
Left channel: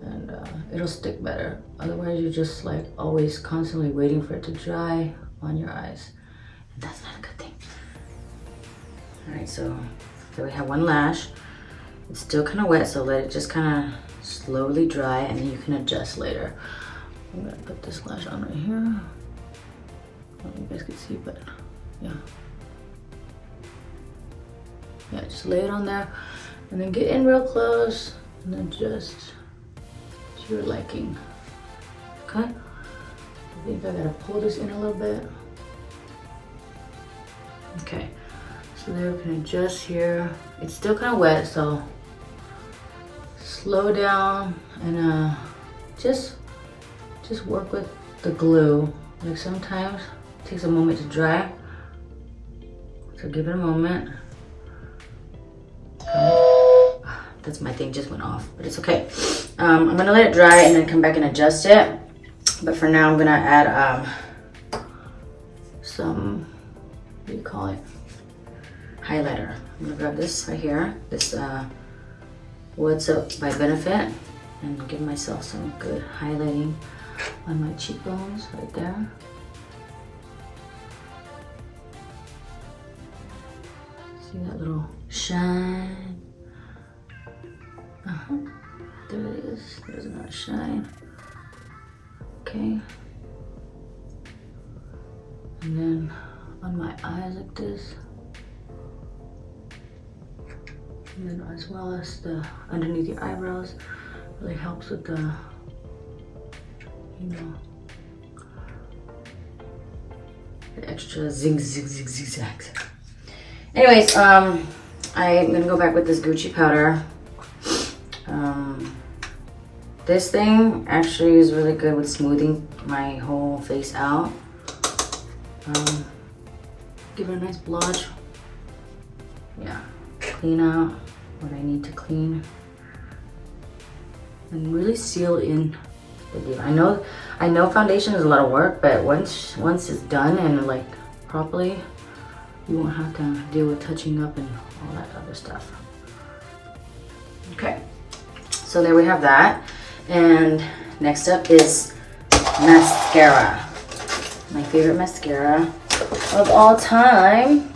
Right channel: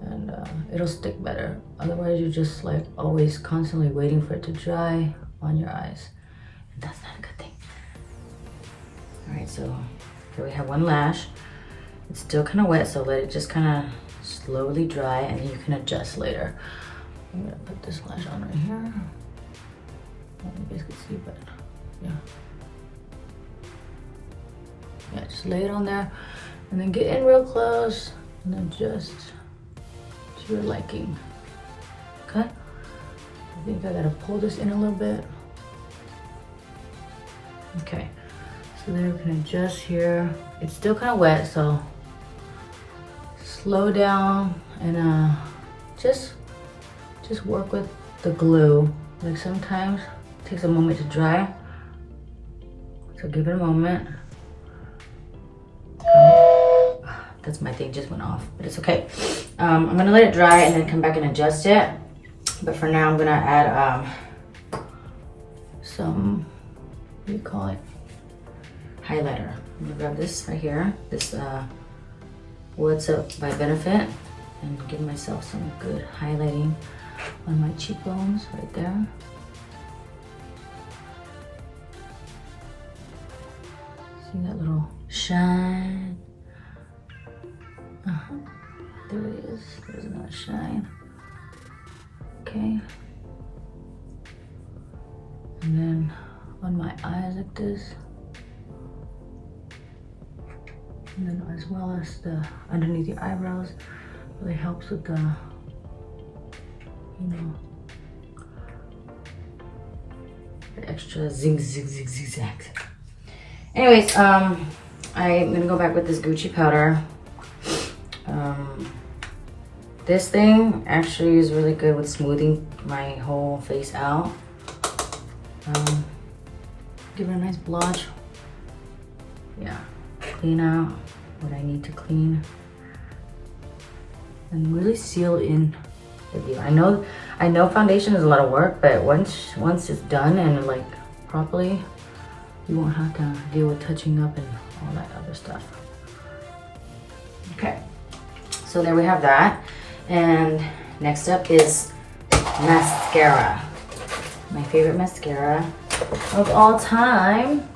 and it'll stick better. Otherwise you're just like always constantly waiting for it to dry on your eyes, and that's not a good thing. All right, so here we have one lash. It's still kind of wet, so let it just kind of slowly dry and you can adjust later. I'm gonna put this lash on right here. I don't know if you guys can see, but yeah, just lay it on there and then get in real close and adjust to your liking. Okay, I think I gotta pull this in a little bit. Okay, so there we can adjust here. It's still kind of wet, so slow down and just work with the glue. Like sometimes it takes a moment to dry, so give it a moment. That's my thing, just went off, but it's okay. I'm gonna let it dry and then come back and adjust it. But for now, I'm gonna add some, what do you call it? Highlighter. I'm gonna grab this right here, this What's Up by Benefit, and give myself some good highlighting on my cheekbones right there. See that little shine? There it is. There's another shine. Okay. And then on my eyes like this. And then as well as the underneath your eyebrows. Really helps with the, you know, the extra zigzags. Anyways, I'm gonna go back with this Gucci powder. This thing actually is really good with smoothing my whole face out. Give it a nice blotch. Yeah, clean out what I need to clean. And really seal in the deal. I know foundation is a lot of work, but once it's done and like properly, you won't have to deal with touching up and all that other stuff. Okay, so there we have that. And next up is mascara. My favorite mascara of all time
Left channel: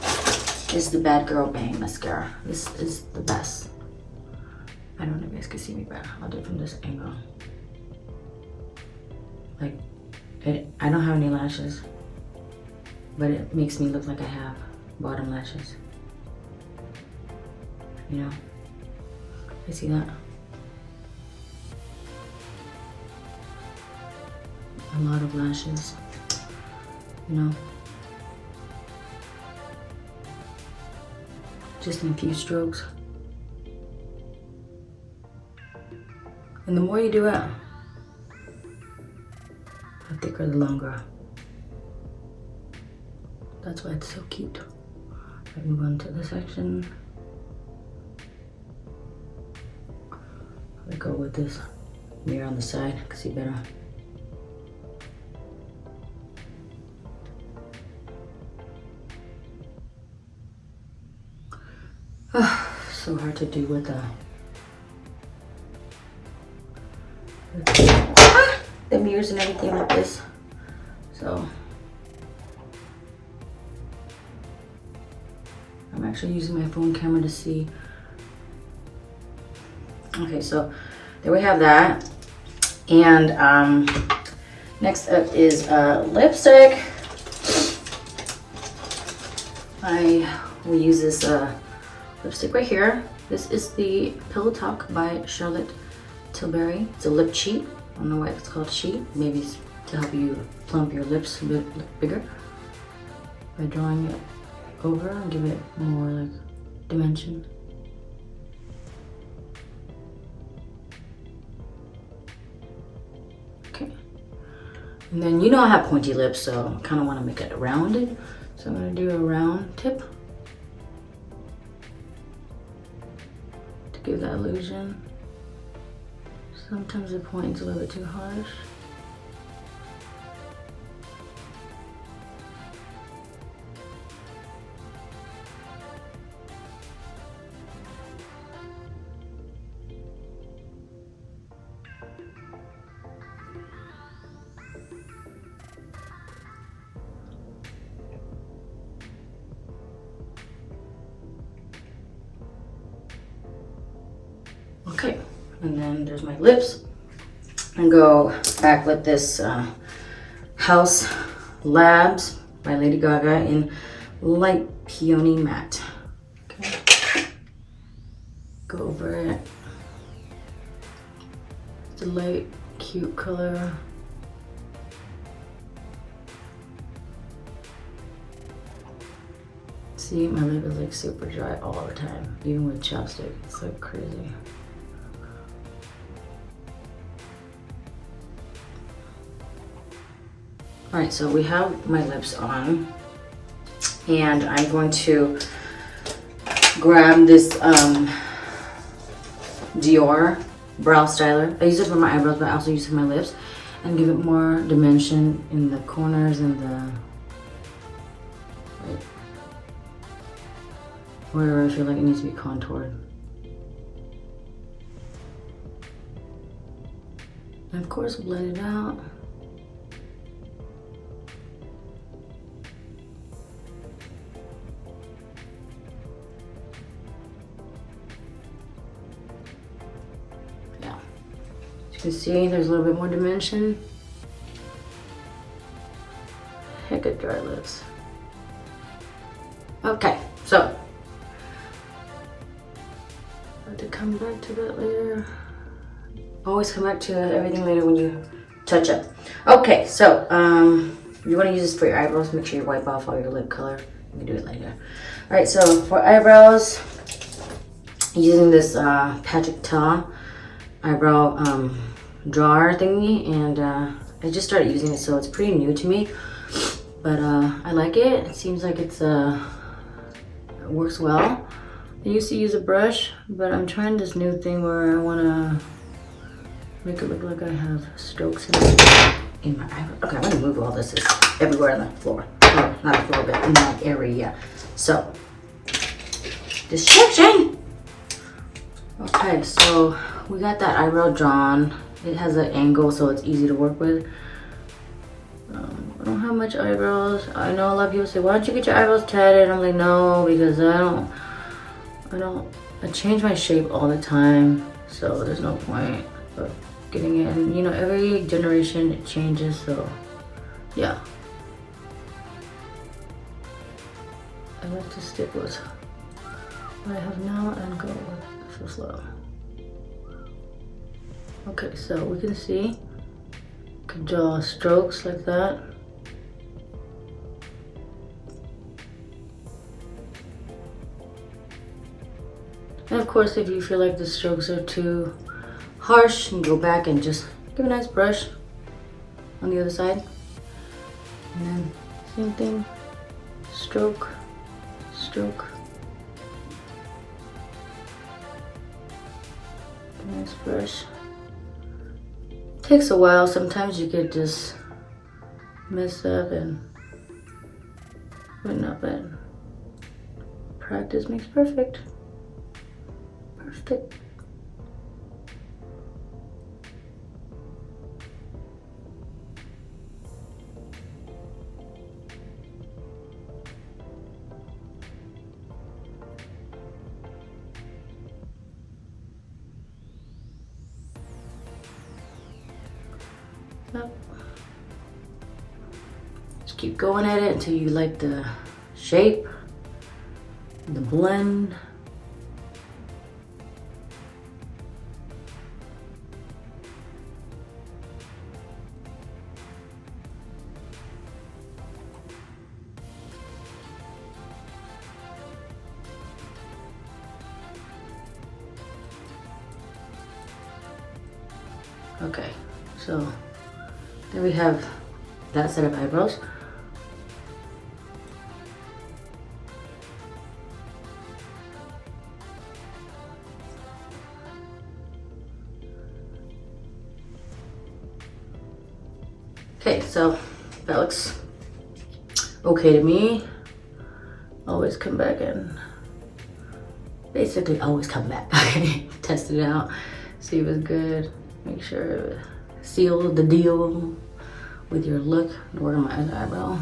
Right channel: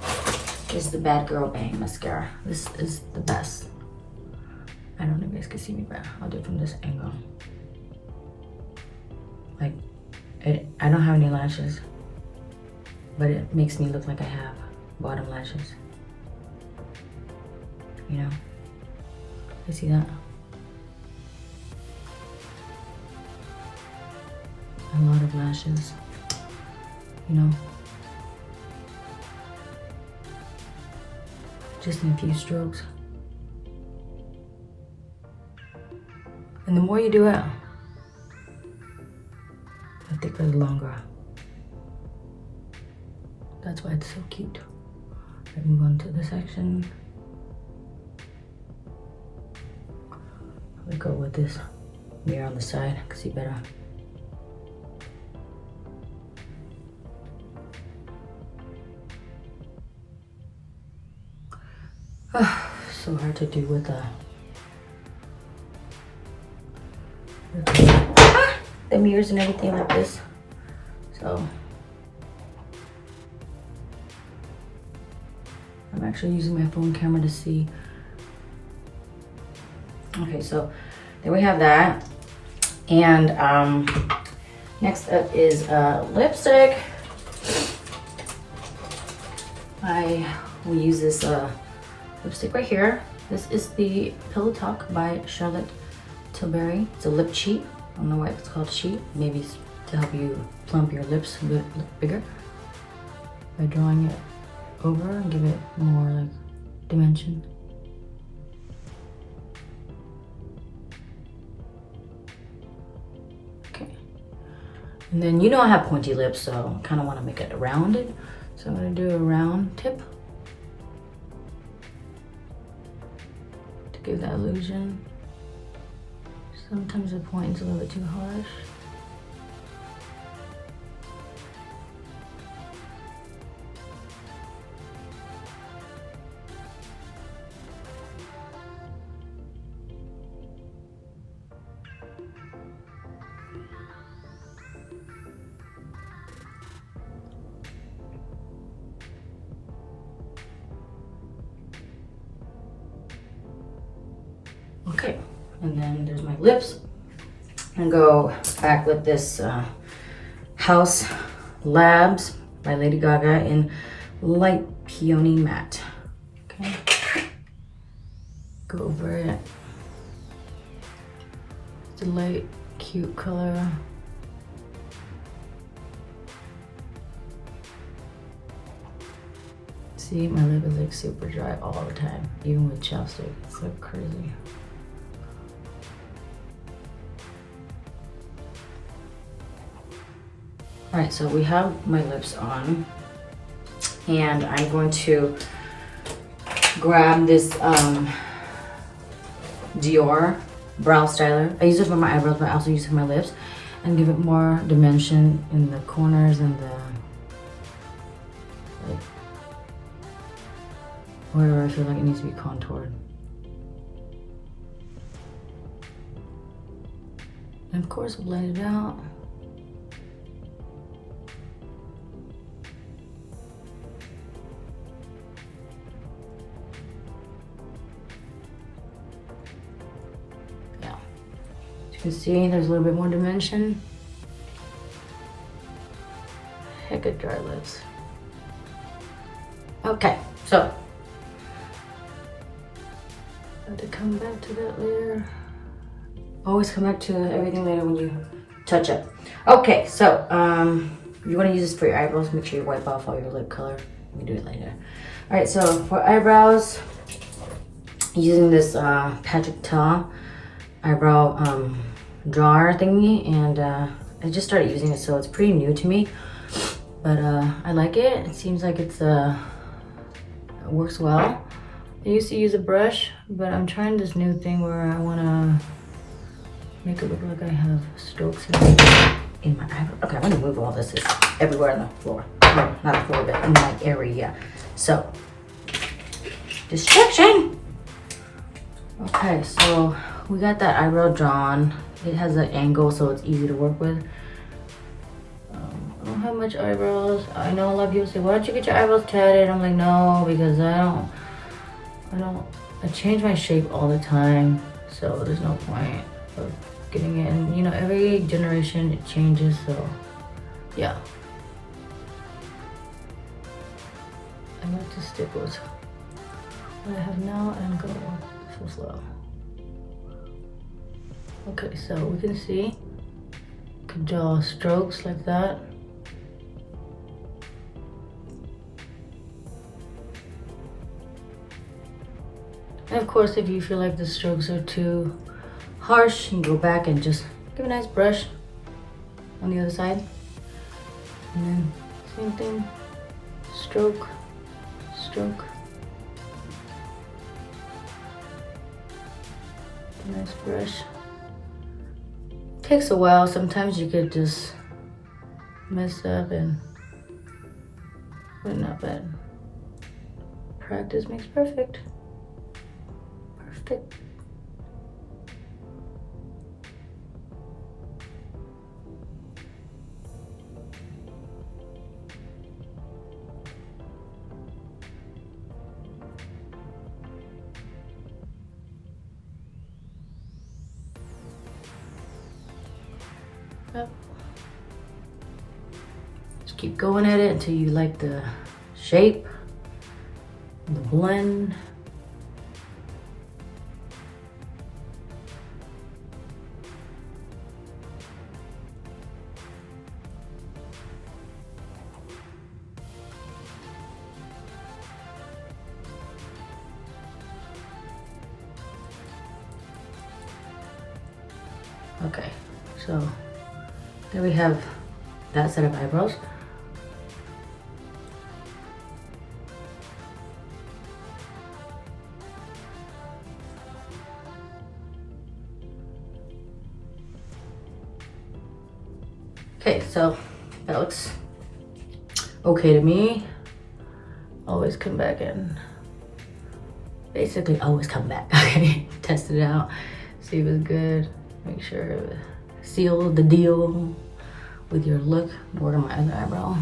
is the Bad Girl Bang mascara. This is the best. I don't know if you guys can see me, but I'll do it from this angle. Like, I don't have any lashes, but it makes me look like I have bottom lashes. You know? You see that? A lot of lashes, you know? Just in a few strokes. And the more you do it, the thicker, the longer. That's why it's so cute. Right, move on to the section. I go with this mirror on the side, I can see better. So hard to do with the mirrors and everything like this. So I'm actually using my phone camera to see. Okay, so there we have that. And next up is lipstick. We use this lipstick right here. This is the Pillow Talk by Charlotte Tilbury. It's a lip cheat. I don't know why it's called cheat. Maybe it's to help you plump your lips a bit bigger. by drawing it over and give it more like dimension. Okay. And then you know I have pointy lips, so I kind of want to make it rounded. So I'm going to do a round tip to give that illusion. Sometimes the point's a little bit too harsh. Okay, and then there's my lips. And go back with this Haus Labs by Lady Gaga in Light Peony Matte. Okay, go over it. It's a light, cute color. See, my lip is like super dry all the time, even with chapstick. It's like crazy. All right, so we have my lips on, and I'm going to grab this Dior Brow Styler. I use it for my eyebrows, but I also use it for my lips, and give it more dimension in the corners and the, like, where I feel like it needs to be contoured. And of course, blend it out. You can see there's a little bit more dimension. Heck of dry lips. Okay, so I have to come back to that later. Always come back to everything later when you touch up. Okay, so if you want to use this for your eyebrows, make sure you wipe off all your lip color. You can do it later. All right, so for eyebrows, using this Patrick Ta eyebrow drawer thingy, and I just started using it, so it's pretty new to me, but I like it. It seems like it works well. I used to use a brush, but I'm trying this new thing where I want to make it look like I have strokes in my eyebrow. Okay, I'm gonna move all this. It's everywhere on the floor. No, not the floor, but in my area. So, distraction. Okay, so we got that eyebrow drawn. It has an angle, so it's easy to work with. I don't have much eyebrows. I know a lot of people say, why don't you get your eyebrows tatted? I'm like, no, because I change my shape all the time, so there's no point of getting it. And you know, every generation it changes, so yeah. I like to stick with what I have now and go with the flow. Okay, so we can see, you can draw strokes like that. And of course, if you feel like the strokes are too harsh, you can go back and just give a nice brush on the other side. And then same thing, stroke, stroke. Nice brush. Takes a while. Sometimes you could just mess up but not bad. Practice makes perfect. Perfect. Yep. Just keep going at it until you like the shape, the blend. Okay, so there we have that set of eyebrows. Okay, so that looks okay to me. Always come back in. Basically, always come back. Okay, test it out, see if it's good. Make sure seal the deal with your look. Work on my other eyebrow.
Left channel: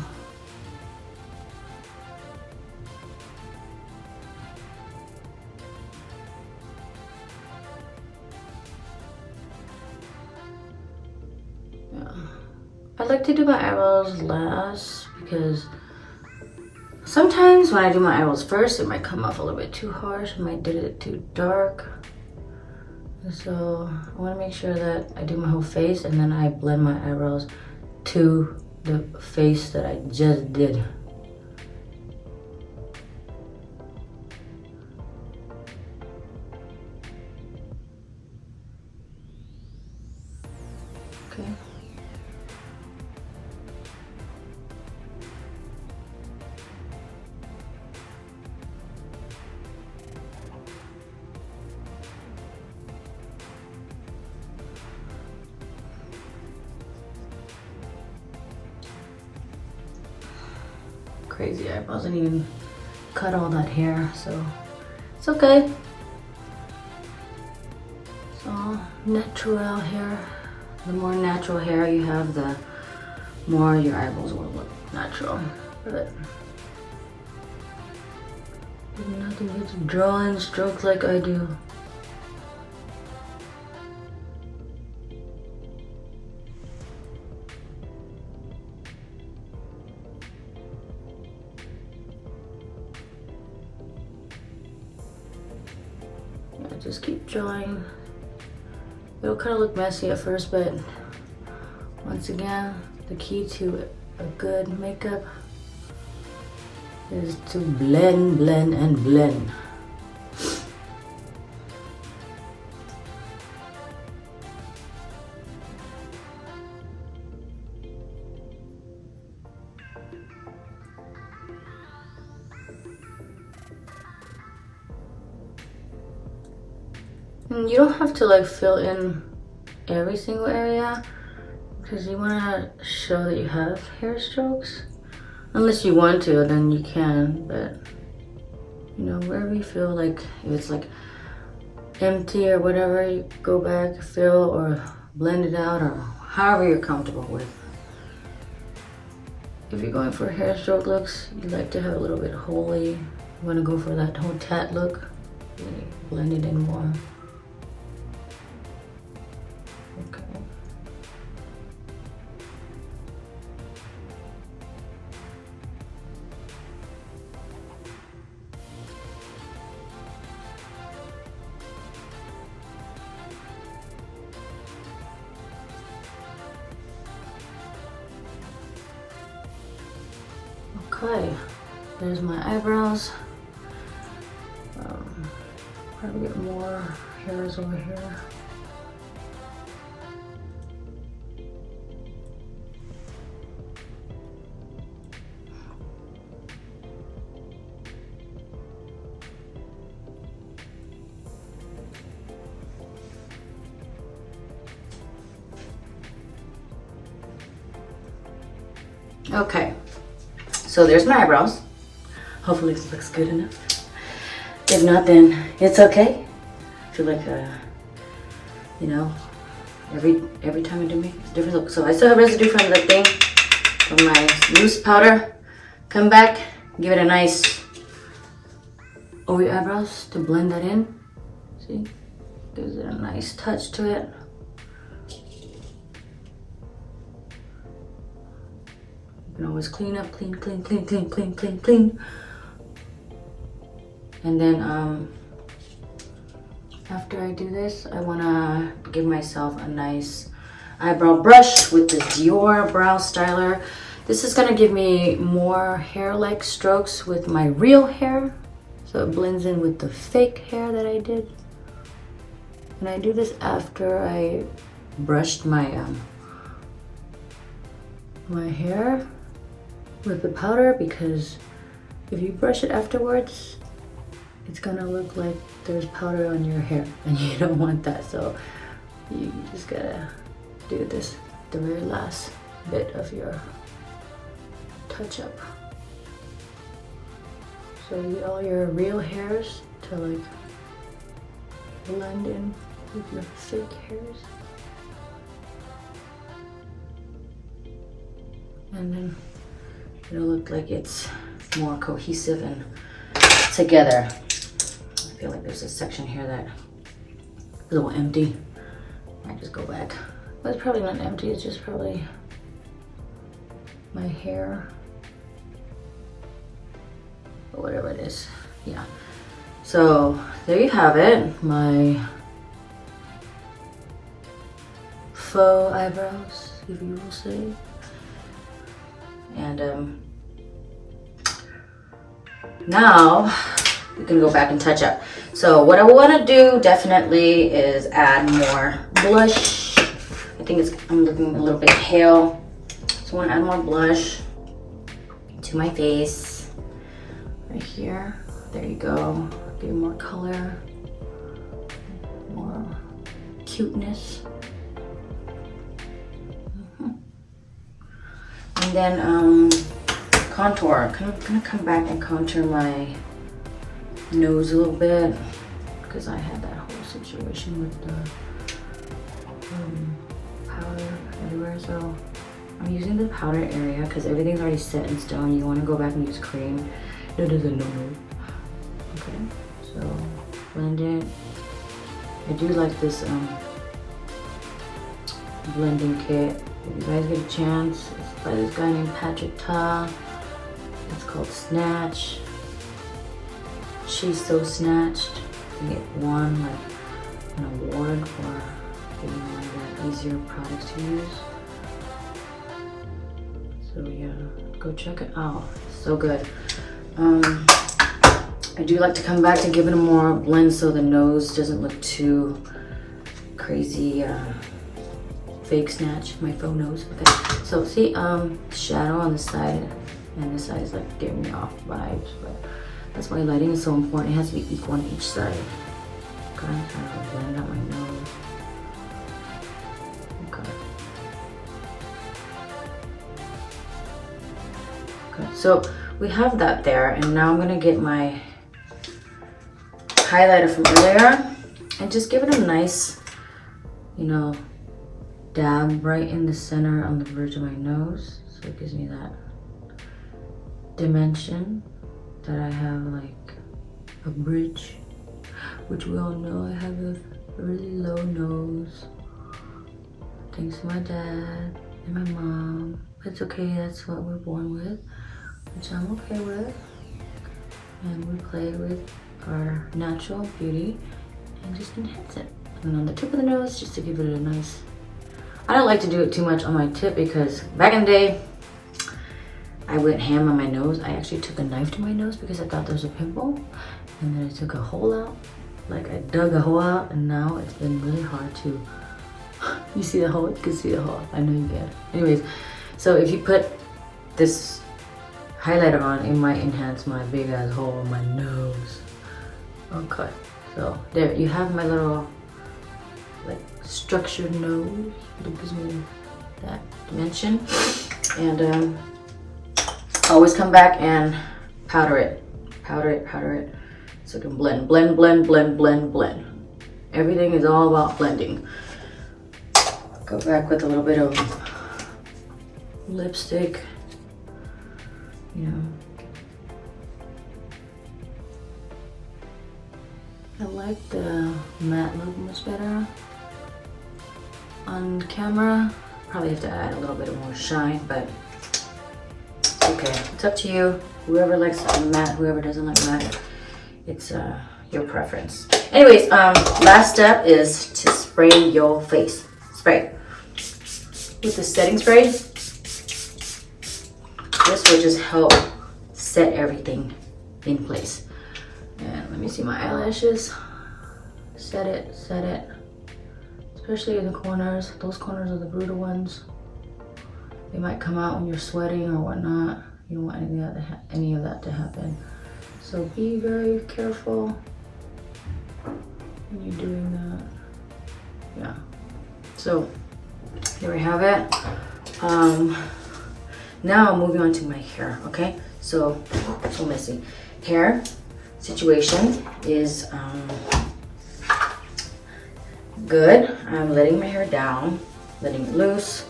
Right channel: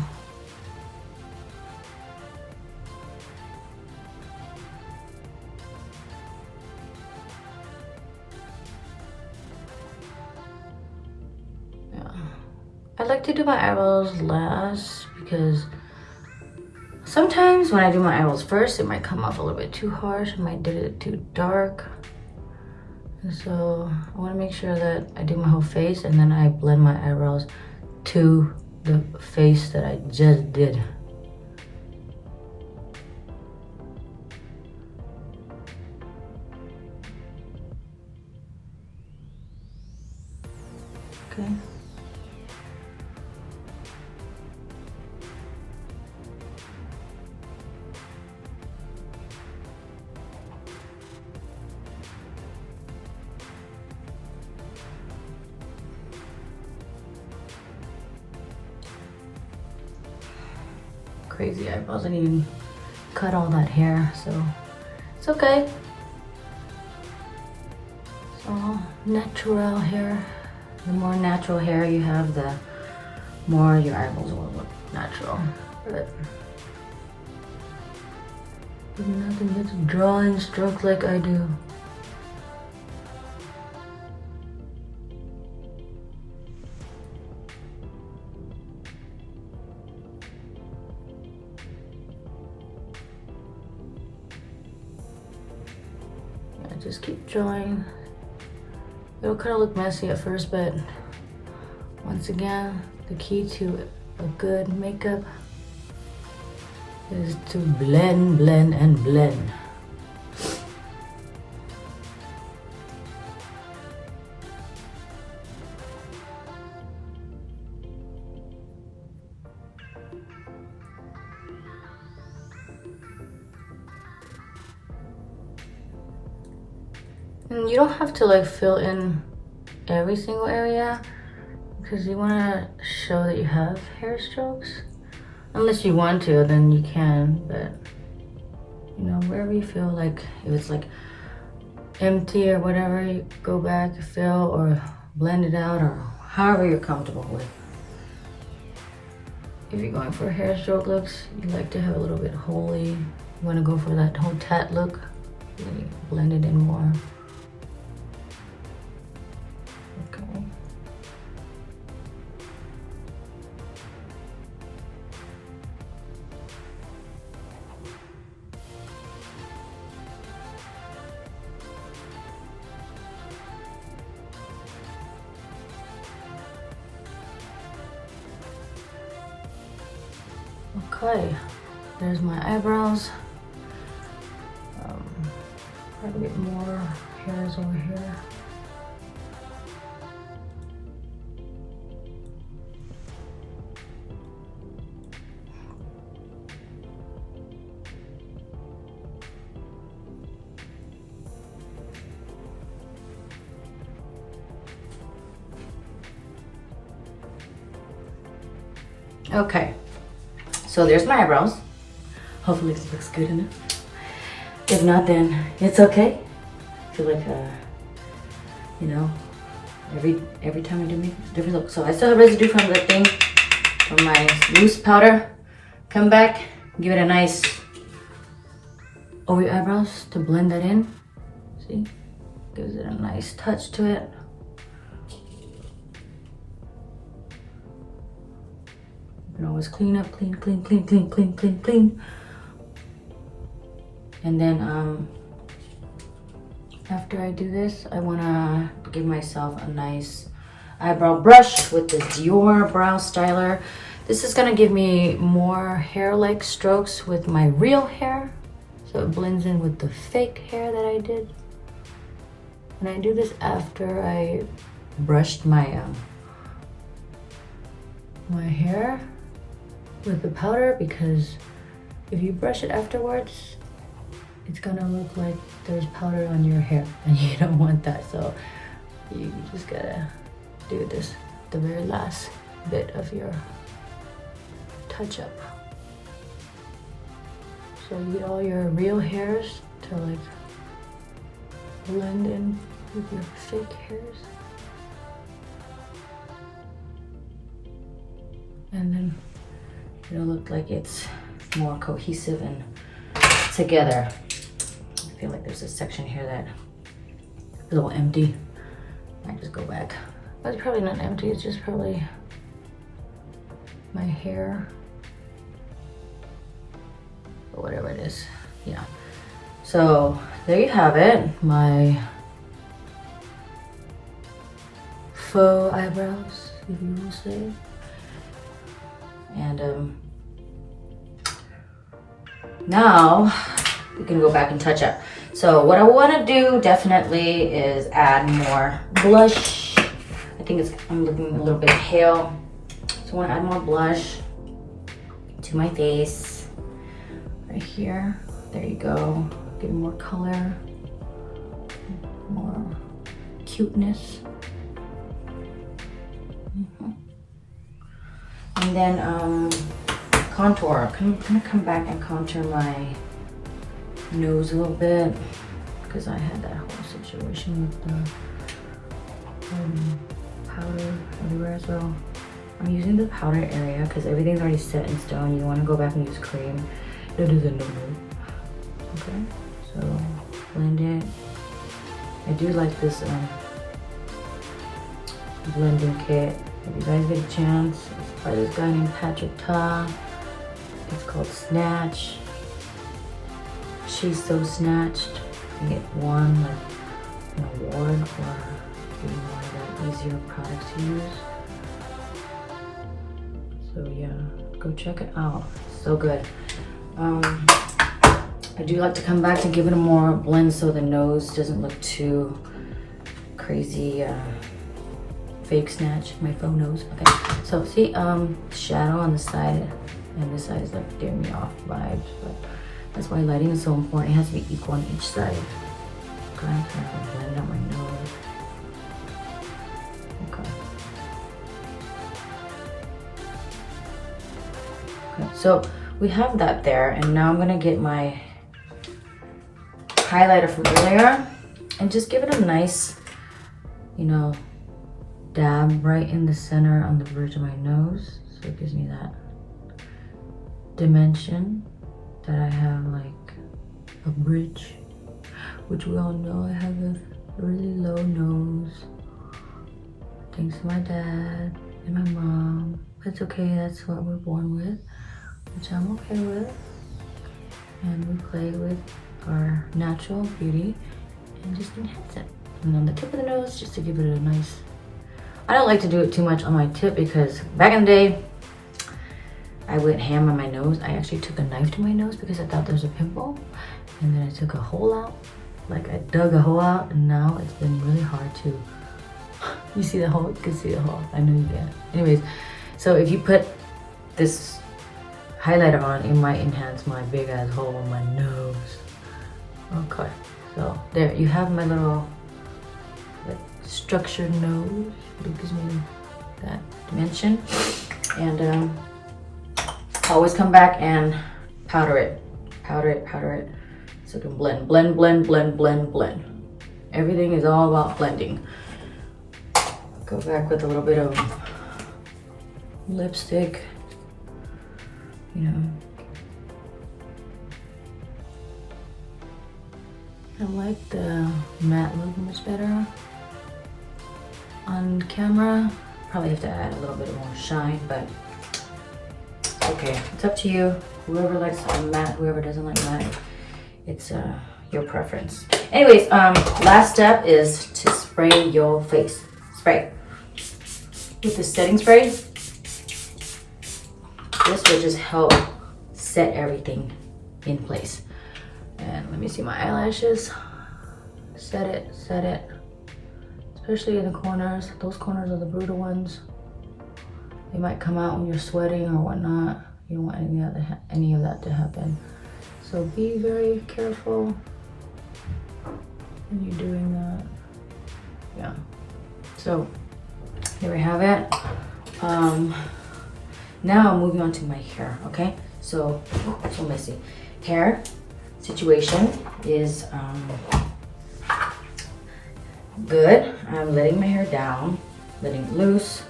I like to do my eyebrows last because sometimes when I do my eyebrows first, it might come off a little bit too harsh. I might do it too dark. And so I want to make sure that I do my whole face and then I blend my eyebrows to the face that I just did. Okay. Crazy eyebrows. I didn't even cut all that hair, so it's okay. It's all natural hair. The more natural hair you have, the more your eyebrows will look natural. But nothing gets drawing strokes like I do. Just keep drawing. It'll kind of look messy at first, but once again, the key to a good makeup is to blend, blend, and blend. And you don't have to like fill in every single area because you want to show that you have hair strokes. Unless you want to, then you can, but you know, wherever you feel like, if it's like empty or whatever, you go back, fill or blend it out, or however you're comfortable with. If you're going for hair stroke looks, you like to have a little bit holy. You want to go for that whole tat look, really blend it in more. Okay, there's my eyebrows. Probably get more hairs over here. Okay. So there's my eyebrows. Hopefully this looks good enough. If not, then it's okay. I feel like, you know, every time I do make a different look. So I still have residue from the thing, from my loose powder. Come back, give it a nice over your eyebrows to blend that in. See, gives it a nice touch to it. You can always clean up, clean. And then after I do this, I wanna give myself a nice eyebrow brush with this Dior Brow Styler. This is gonna give me more hair-like strokes with my real hair. So it blends in with the fake hair that I did. And I do this after I brushed my my hair with the powder, because if you brush it afterwards, it's gonna look like there's powder on your hair, and you don't want that. So you just gotta do this, the very last bit of your touch up. So you get all your real hairs to like blend in with your fake hairs. And then it'll look like it's more cohesive and together. I feel like there's a section here that is a little empty. I just go back. But it's probably not empty, it's just probably my hair. Or whatever it is. Yeah. So there you have it. My faux eyebrows, if you will say. And now we can go back and touch up. So what I want to do definitely is add more blush. I think I'm looking a little bit pale, so I want to add more blush to my face right here. There you go. Give it more color, more cuteness. And then contour. I'm gonna come back and contour my nose a little bit, because I had that whole situation with the powder everywhere. So I'm using the powder area because everything's already set in stone. You want to go back and use cream. That is a no-no. Okay, so blend it. I do like this blending kit. If you guys get a chance, it's by this guy named Patrick Ta. It's called Snatch. She's So Snatched. You get one, like an award for being one of the easier products to use. So yeah, go check it out. It's so good. I do like to come back to give it a more blend so the nose doesn't look too crazy. Fake Snatch, my faux nose. Okay, so see shadow on the side, and this side is like giving me off vibes, but that's why lighting is so important. It has to be equal on each side. Okay, I'm trying to blend out my nose. Okay. Okay, so we have that there, and now I'm gonna get my highlighter from earlier and just give it a nice, you know, dab right in the center on the verge of my nose, so it gives me that dimension that I have like a bridge, which we all know I have a really low nose thanks to my dad and my mom. It's okay, that's what we're born with, which I'm okay with, and we play with our natural beauty and just enhance it. And on the tip of the nose, just to give it a nice, I don't like to do it too much on my tip, because back in the day, I went ham on my nose. I actually took a knife to my nose because I thought there was a pimple, and then I took a hole out. Like I dug a hole out, and now it's been really hard to, you see the hole? You can see the hole. I know you can. Anyways, so if you put this highlighter on, it might enhance my big ass hole on my nose. Okay, so there you have my little like structured nose. It gives me that dimension. And always come back and powder it, so it can blend, blend, blend, blend, blend, blend. Everything is all about blending. Go back with a little bit of lipstick, you know. I like the matte look much better on camera. Probably have to add a little bit more shine, but it's okay. It's up to you. Whoever likes matte, whoever doesn't like matte, it's your preference. Anyways, last step is to spray your face. Spray with the setting spray. This will just help set everything in place. And let me see my eyelashes. Set it. It's especially in the corners. Those corners are the brutal ones. They might come out when you're sweating or whatnot. You don't want any of that to happen. So be very careful when you're doing that. Yeah. So there we have it. Now I'm moving on to my hair. Okay. So messy. Hair situation is good. I'm letting my hair down, letting it loose.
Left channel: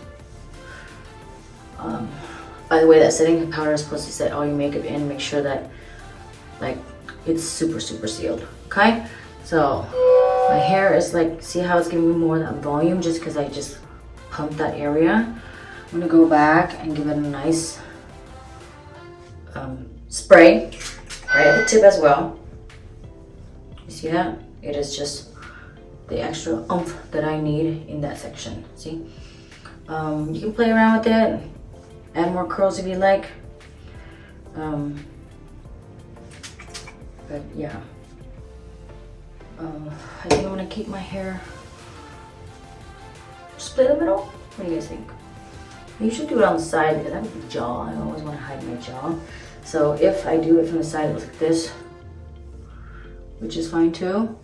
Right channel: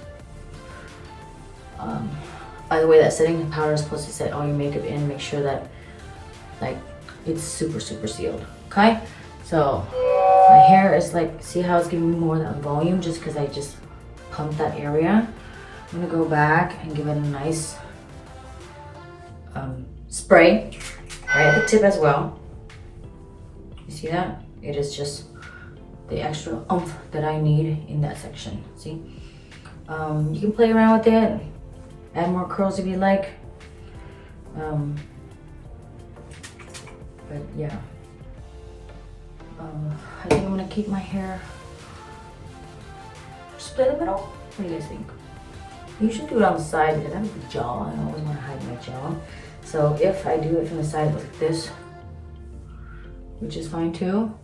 By the way, that setting powder is supposed to set all your makeup in. Make sure that like it's super sealed. Okay, so my hair is like, see how it's giving me more of that volume just because I just pumped that area. I'm gonna go back and give it a nice spray right at the tip as well. You see that? It is just the extra oomph that I need in that section. See? You can play around with it, add more curls if you like. But yeah, I think I'm gonna keep my hair split in the middle. What do you guys think? I usually do it on the side because I have a big jaw. I always want to hide my jaw. So if I do it from the side, it looks like this, which is fine too.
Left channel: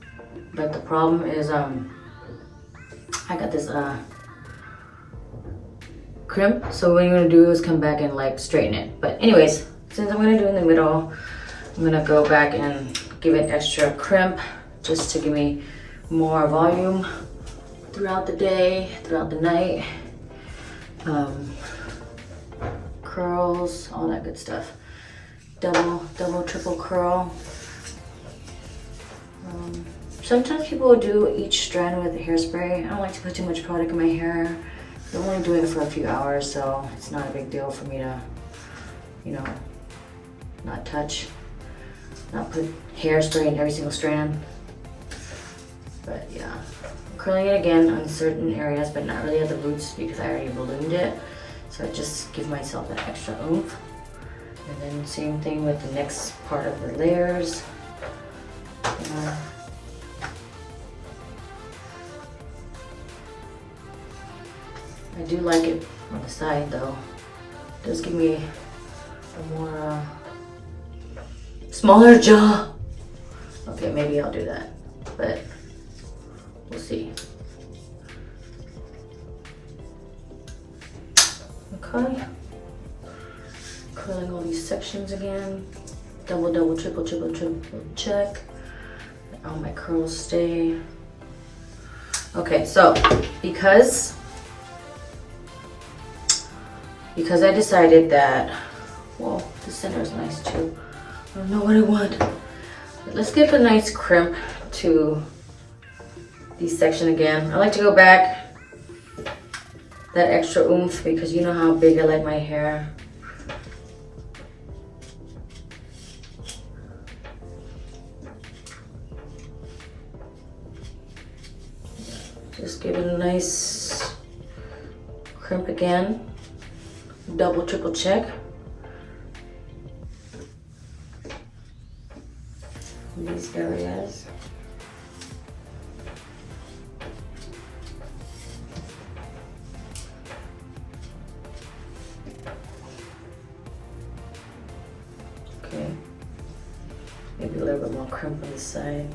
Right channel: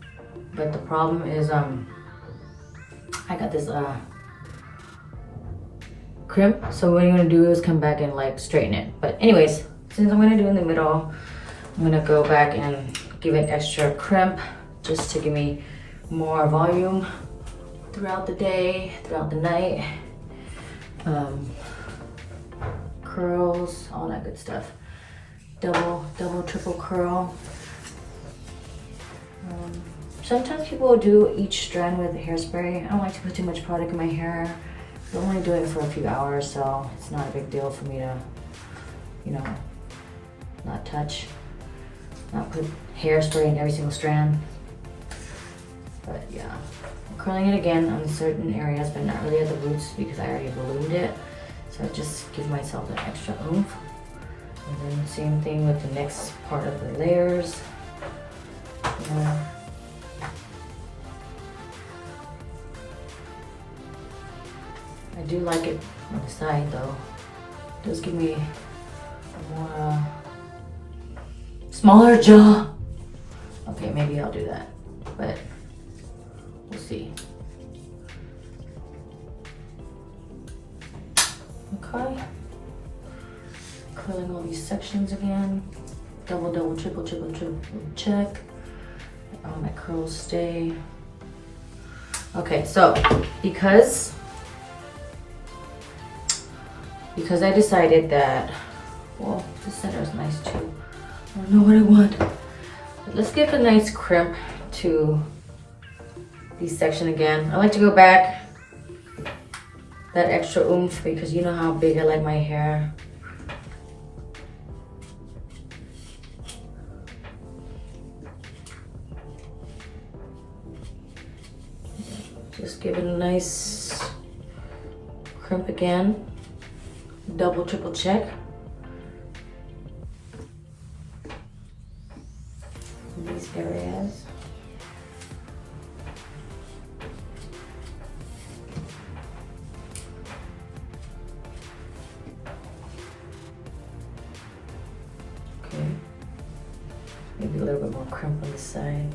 But the problem is, I got this crimp. So what I'm gonna do is come back and like straighten it. But anyways, since I'm gonna do it in the middle, I'm gonna go back and give it extra crimp just to give me more volume throughout the day, throughout the night. Curls, all that good stuff. Double, triple curl. Sometimes people will do each strand with hairspray. I don't like to put too much product in my hair. I'm only doing it for a few hours, so it's not a big deal for me to, you know, not touch, not put hairspray in every single strand. But yeah, I'm curling it again on certain areas, but not really at the roots because I already ballooned it. So I just give myself that extra oomph. And then same thing with the next part of the layers. I do like it on the side though. It does give me a more smaller jaw. Okay, maybe I'll do that, but we'll see. Okay. Curling all these sections again. Double, triple check. All my curls stay. Okay, so because I decided that, well, the center is nice too. I don't know what I want. But let's give a nice crimp to this section again. I like to go back that extra oomph because you know how big I like my hair. Just give it a nice crimp again. Double, triple check. These areas. Okay. Maybe a little bit more crimp on the side.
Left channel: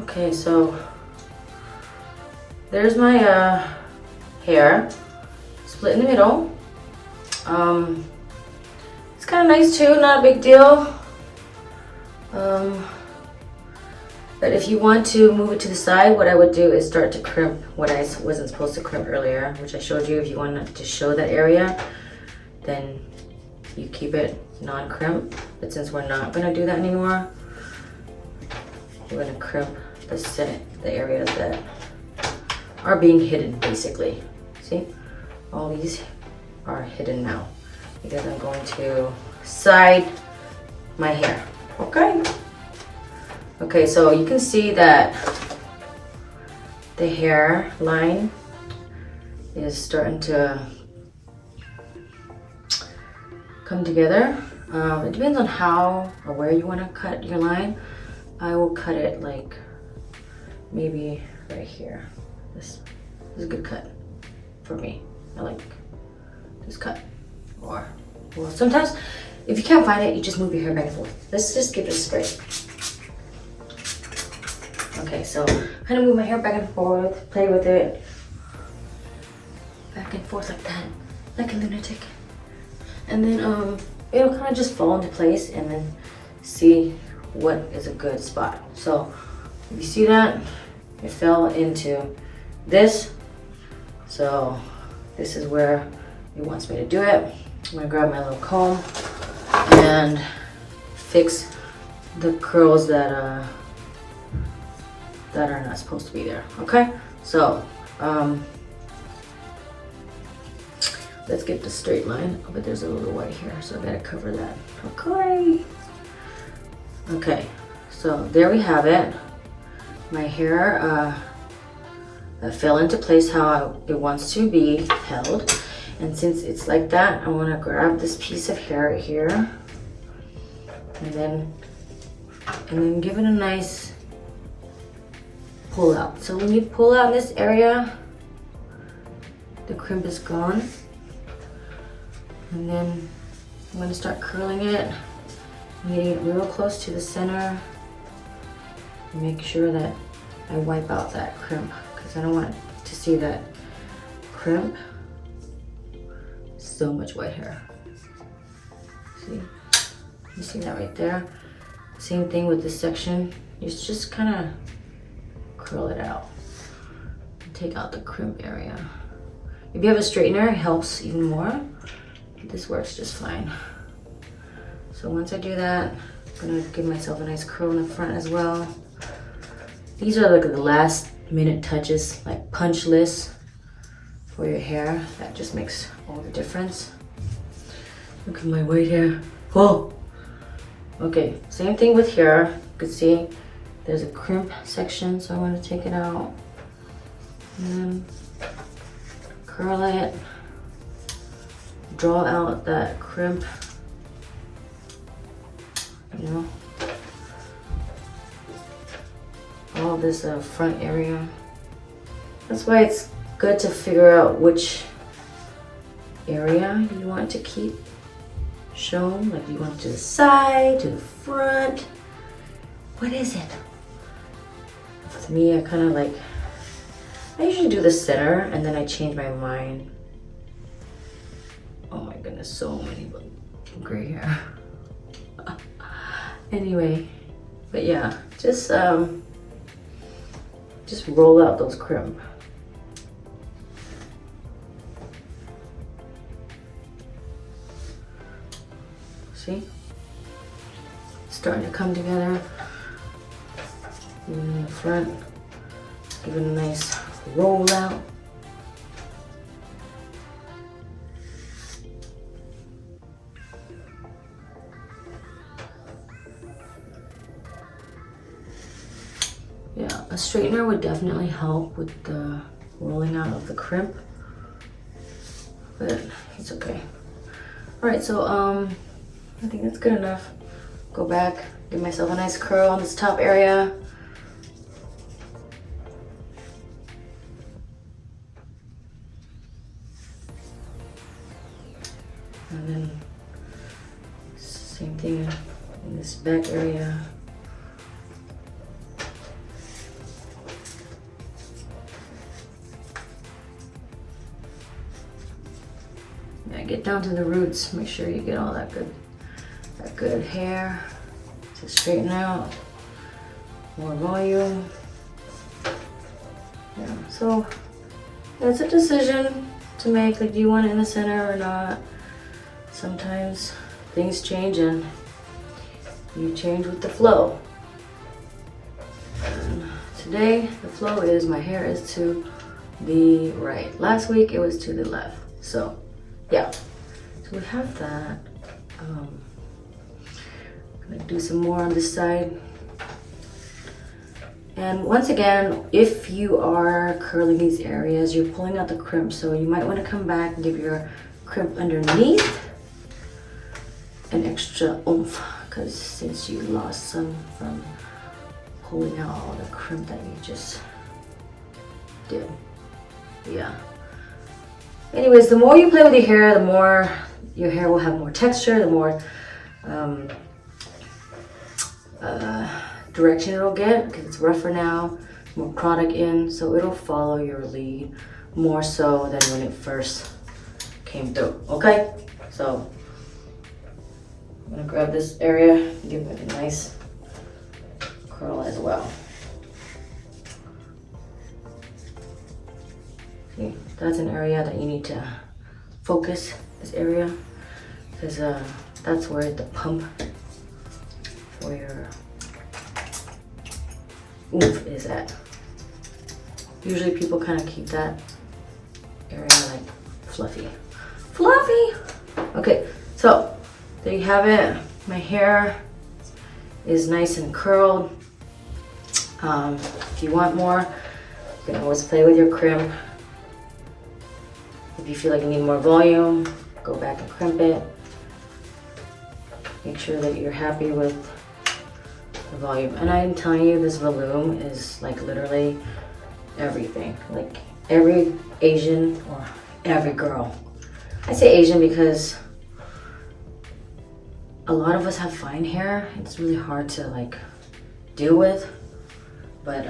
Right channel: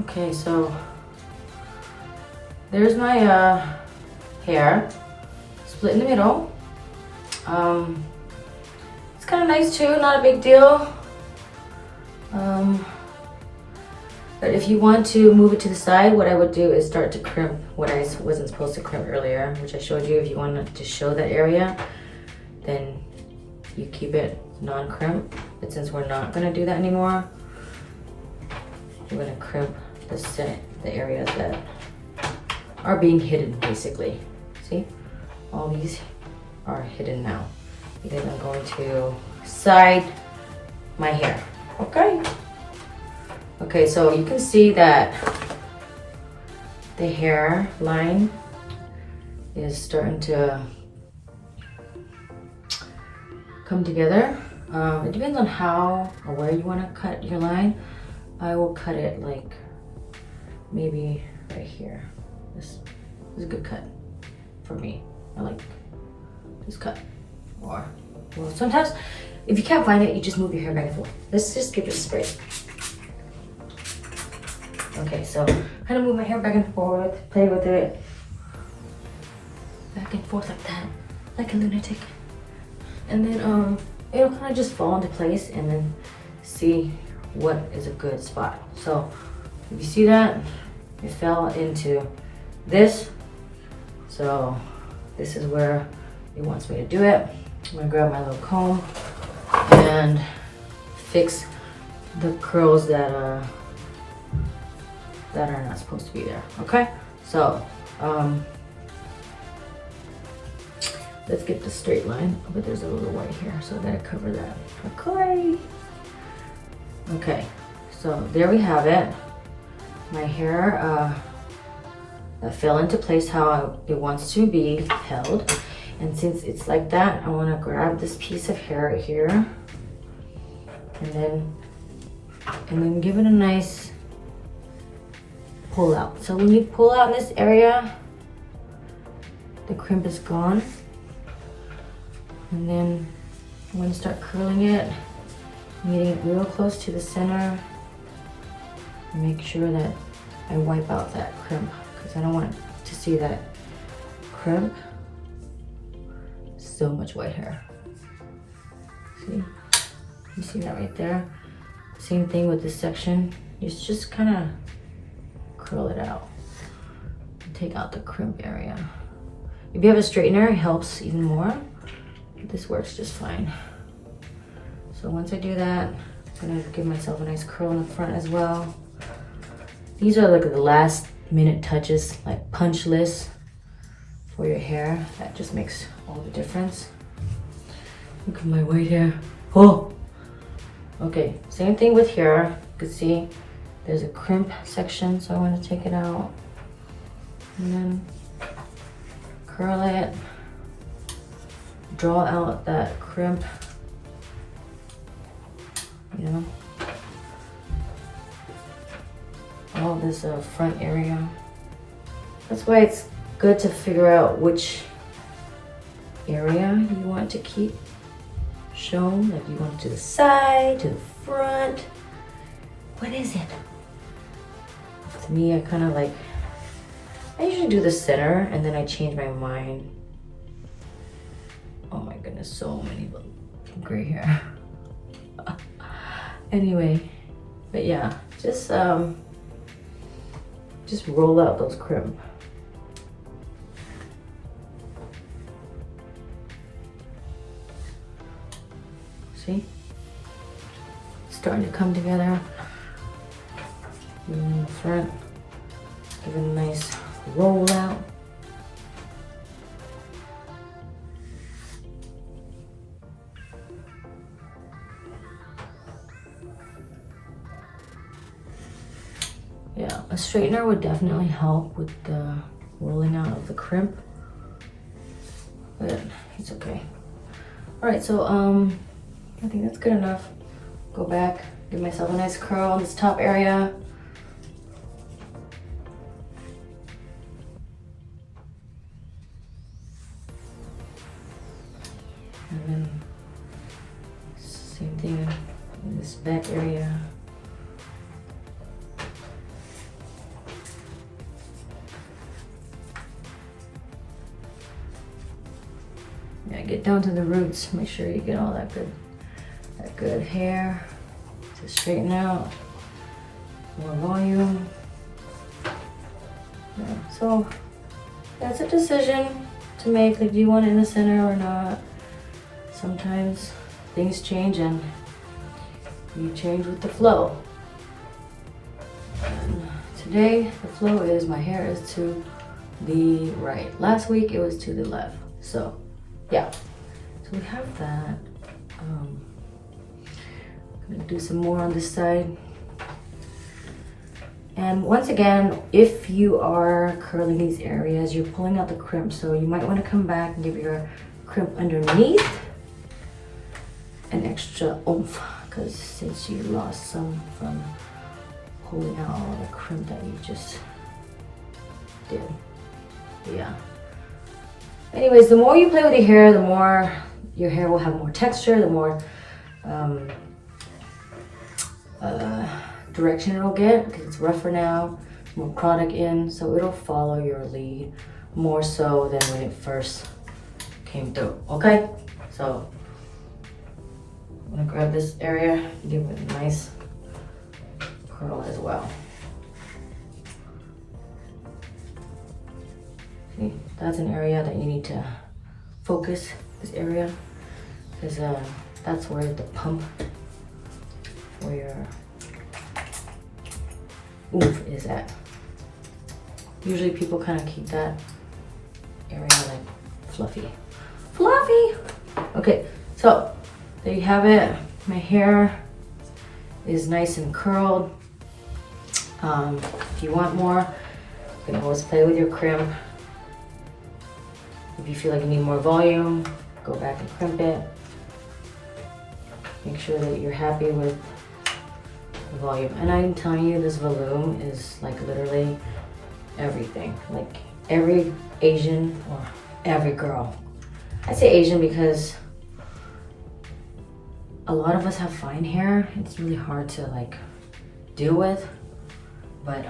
Okay, so there's my hair split in the middle. It's kind of nice too, not a big deal. But if you want to move it to the side, what I would do is start to crimp what I wasn't supposed to crimp earlier, which I showed you. If you wanted to show that area, then you keep it non-crimp. But since we're not gonna do that anymore, we're gonna crimp the areas that are being hidden, basically. See, all these are hidden now because I'm going to side my hair. Okay, so you can see that the hair line is starting to come together. It depends on how or where you want to cut your line. I will cut it like maybe right here. This is a good cut for me. I like this cut. Or well, sometimes if you can't find it, you just move your hair back and forth. Let's just give it a spray. Okay, so kind of move my hair back and forth, play with it. Back and forth like that, like a lunatic. And then it'll kind of just fall into place and then see what is a good spot. So if you see that, it fell into this. So this is where it wants me to do it. I'm gonna grab my little comb and fix the curls that are not supposed to be there. Okay, so let's get the straight line, but there's a little white here, so I gotta cover that. Okay, so there we have it. My hair fell into place how it wants to be held. And since it's like that, I wanna grab this piece of hair right here and then give it a nice pull out. So when you pull out this area, the crimp is gone. And then I'm gonna start curling it, getting it real close to the center. Make sure that I wipe out that crimp because I don't want to see that crimp. So much white hair. See? You see that right there? Same thing with this section. You just kind of curl it out. Take out the crimp area. If you have a straightener, it helps even more. This works just fine. So once I do that, I'm gonna give myself a nice curl in the front as well. These are like the last minute touches, like punch lists for your hair. That just makes all the difference. Look at my white hair. Whoa! Okay, same thing with here. You can see there's a crimp section, so I want to take it out. And then curl it. Draw out that crimp. You know, all this front area. That's why it's good to figure out which area you want to keep shown. Like you want it to the side, to the front. What is it? To me, I kind of like, I usually do the center and then I change my mind. Oh my goodness, so many gray hair. Anyway, but yeah, just roll out those crimp. See? It's starting to come together. In the front, give it a nice roll out. Yeah, a straightener would definitely help with the rolling out of the crimp, but it's okay. All right, so I think that's good enough. Go back, give myself a nice curl on this top area. And then same thing in this back area. Yeah, get down to the roots. Make sure you get all that good hair to straighten out. More volume. Yeah, so it's a decision to make, like, do you want it in the center or not? Sometimes things change and you change with the flow. And today the flow is my hair is to the right. Last week it was to the left. So yeah, so we have that. I'm gonna do some more on this side. And once again, if you are curling these areas, you're pulling out the crimp, so you might want to come back and give your crimp underneath an extra oomph, because since you lost some from pulling out all the crimp that you just did. Yeah. Anyways, the more you play with your hair, the more your hair will have more texture, the more direction it'll get, because it's rougher now, more product in, so it'll follow your lead more so than when it first came through. Okay, so I'm gonna grab this area, give it a nice curl as well. See, that's an area that you need to focus, this area, because that's where the pump, where your oomph is at. Usually people kind of keep that area like fluffy. Okay, so there you have it. My hair is nice and curled. If you want more, you can always play with your crimp. If you feel like you need more volume, go back and crimp it. Make sure that you're happy with the volume. And I'm telling you, this volume is like literally everything. Like every Asian or every girl. I say Asian because a lot of us have fine hair. It's really hard to like deal with. But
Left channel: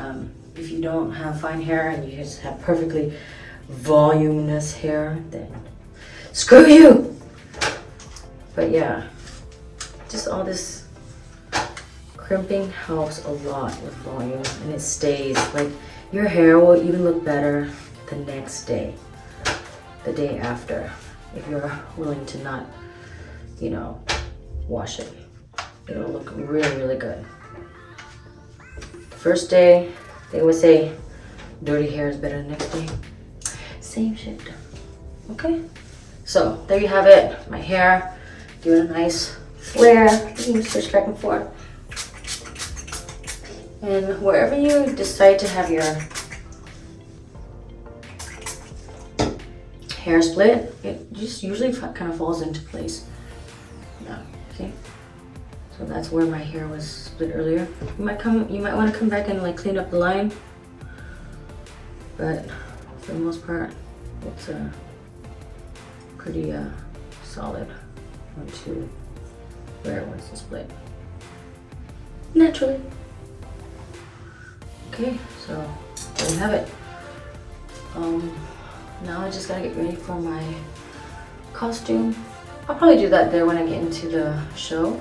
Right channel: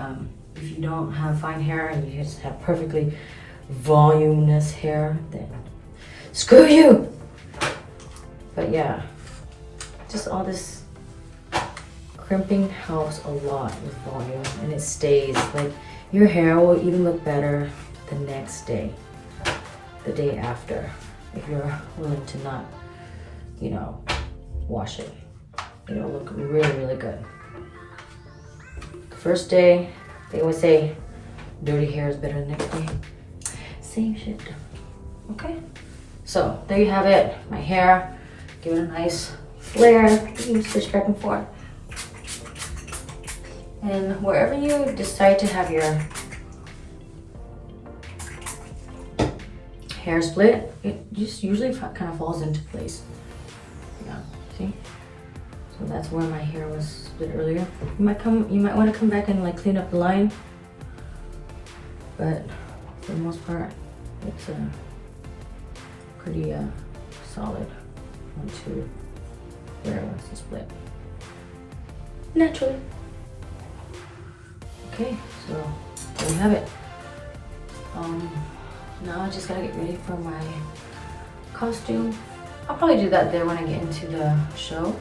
if you don't have fine hair and you just have perfectly voluminous hair, then screw you. But yeah, just all this crimping helps a lot with volume, and it stays. Like your hair will even look better the next day, the day after, if you're willing to not, you know, wash it. It'll look really, really good. The first day, they always say dirty hair is better than the next day. Same shit. Okay, so there you have it. My hair, give it a nice flare. You can switch back and forth. And wherever you decide to have your hair split, it just usually kind of falls into place. Yeah, see? So that's where my hair was split earlier. You might want to come back and like clean up the line, but for the most part, it's pretty solid onto where it wants to split naturally. Okay, so there you have it. Now I just gotta get ready for my costume. I'll probably do that there when I get into the show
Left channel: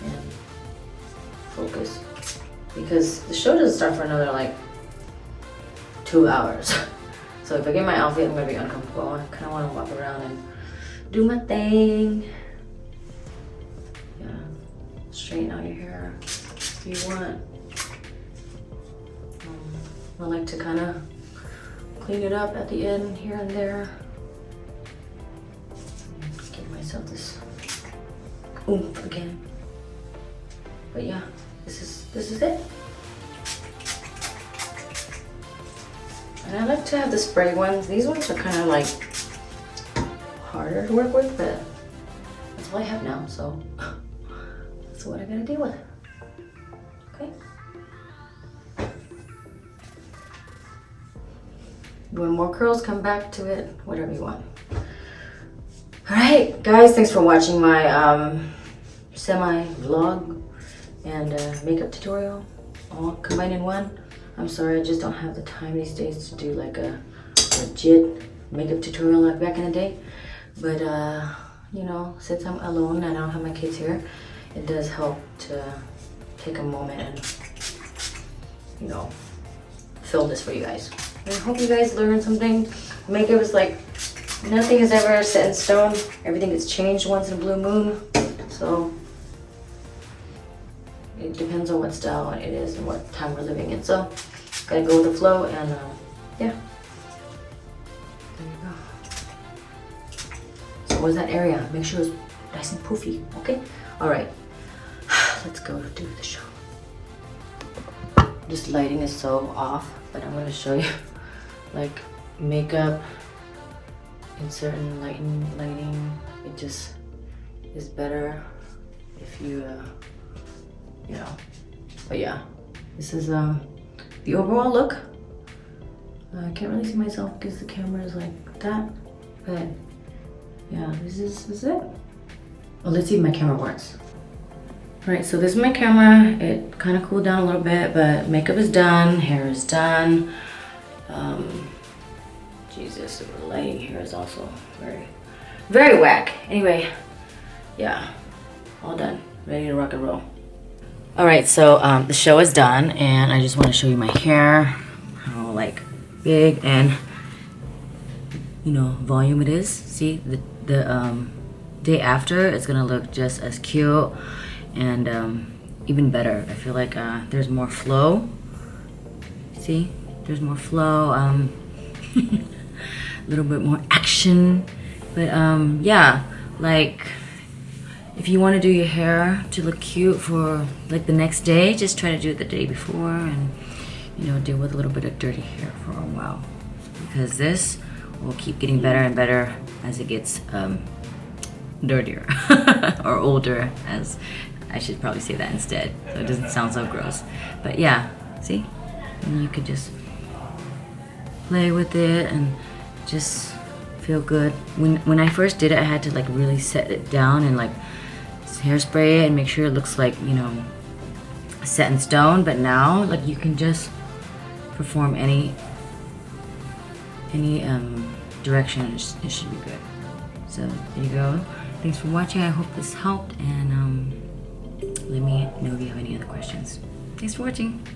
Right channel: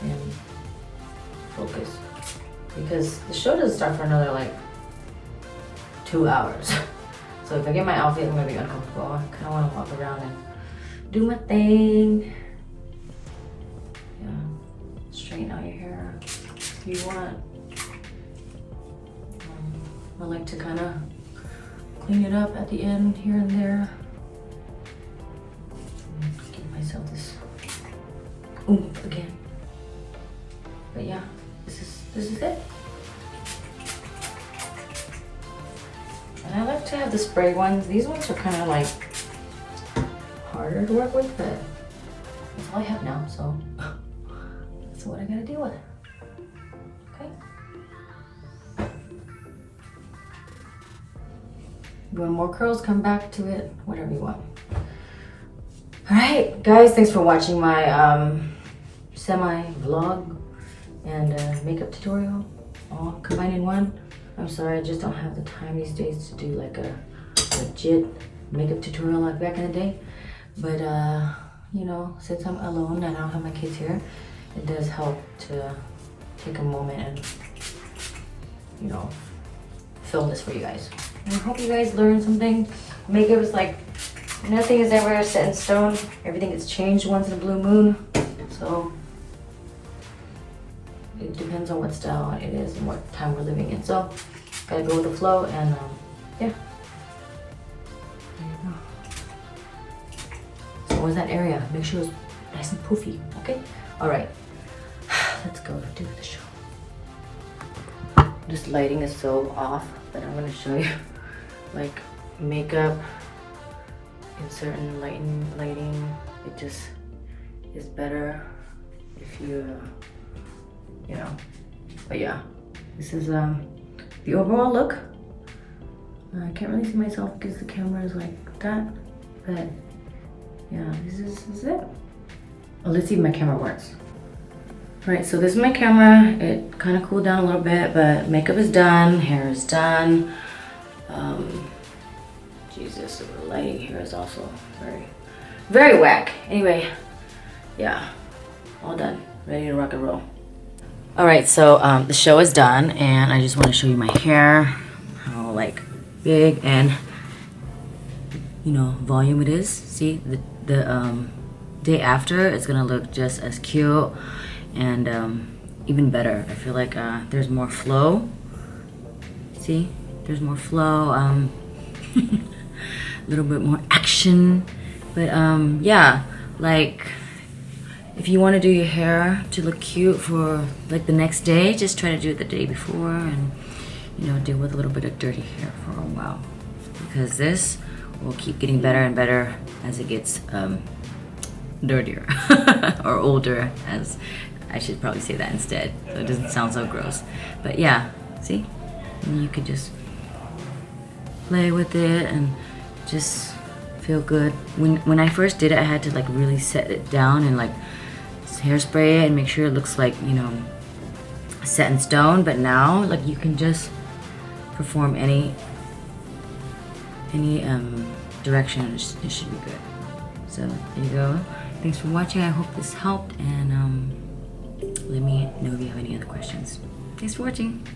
and focus, because the show doesn't start for another like 2 hours. So if I get my outfit, I'm gonna be uncomfortable. I kind of want to walk around and do my thing. Yeah, straighten out your hair if you want. I like to kind of clean it up at the end here and there. And give myself this oomph again. But yeah, this is it. And I like to have the spray ones. These ones are kind of like harder to work with, but that's all I have now, so that's what I gotta deal with. Okay. You want more curls, come back to it, whatever you want. All right, guys, thanks for watching my semi-vlog and makeup tutorial all combined in one. I'm sorry, I just don't have the time these days to do like a legit makeup tutorial like back in the day. But you know, since I'm alone and I don't have my kids here, it does help to take a moment and, you know, film this for you guys. And I hope you guys learned something. Makeup is like, nothing is ever set in stone. Everything gets changed once in a blue moon. So it depends on what style it is and what time we're living in. So gotta go with the flow, and yeah. There you go. So where's that area? Make sure it's nice and poofy, okay? All right, let's go do the show. This lighting is so off, but I'm gonna show you like makeup in certain lighting. It just is better if you, you know. But yeah, this is the overall look. I can't really see myself because the camera is like that, but yeah, this is it. Oh, let's see if my camera works. All right, so this is my camera. It kind of cooled down a little bit, but makeup is done, hair is done. Jesus, the lighting here is also very whack. Anyway, yeah, all done, ready to rock and roll. All right, so the show is done, and I just want to show you my hair, how like big and volume it is. See, the day after it's gonna look just as cute and even better. I feel like there's more flow. See, there's more flow, a little bit more action. But yeah, like if you want to do your hair to look cute for like the next day, just try to do it the day before, and deal with a little bit of dirty hair for a while, because this will keep getting better and better as it gets dirtier or older, as I should probably say that instead, so it doesn't sound so gross. But yeah, see, and you could just play with it and just feel good. When I first did it, I had to like really set it down and like hairspray it and make sure it looks like set in stone. But now like you can just perform any direction. It should be good. So there you go. Thanks for watching. I hope this helped, and let me know if you have any other questions. Thanks for watching.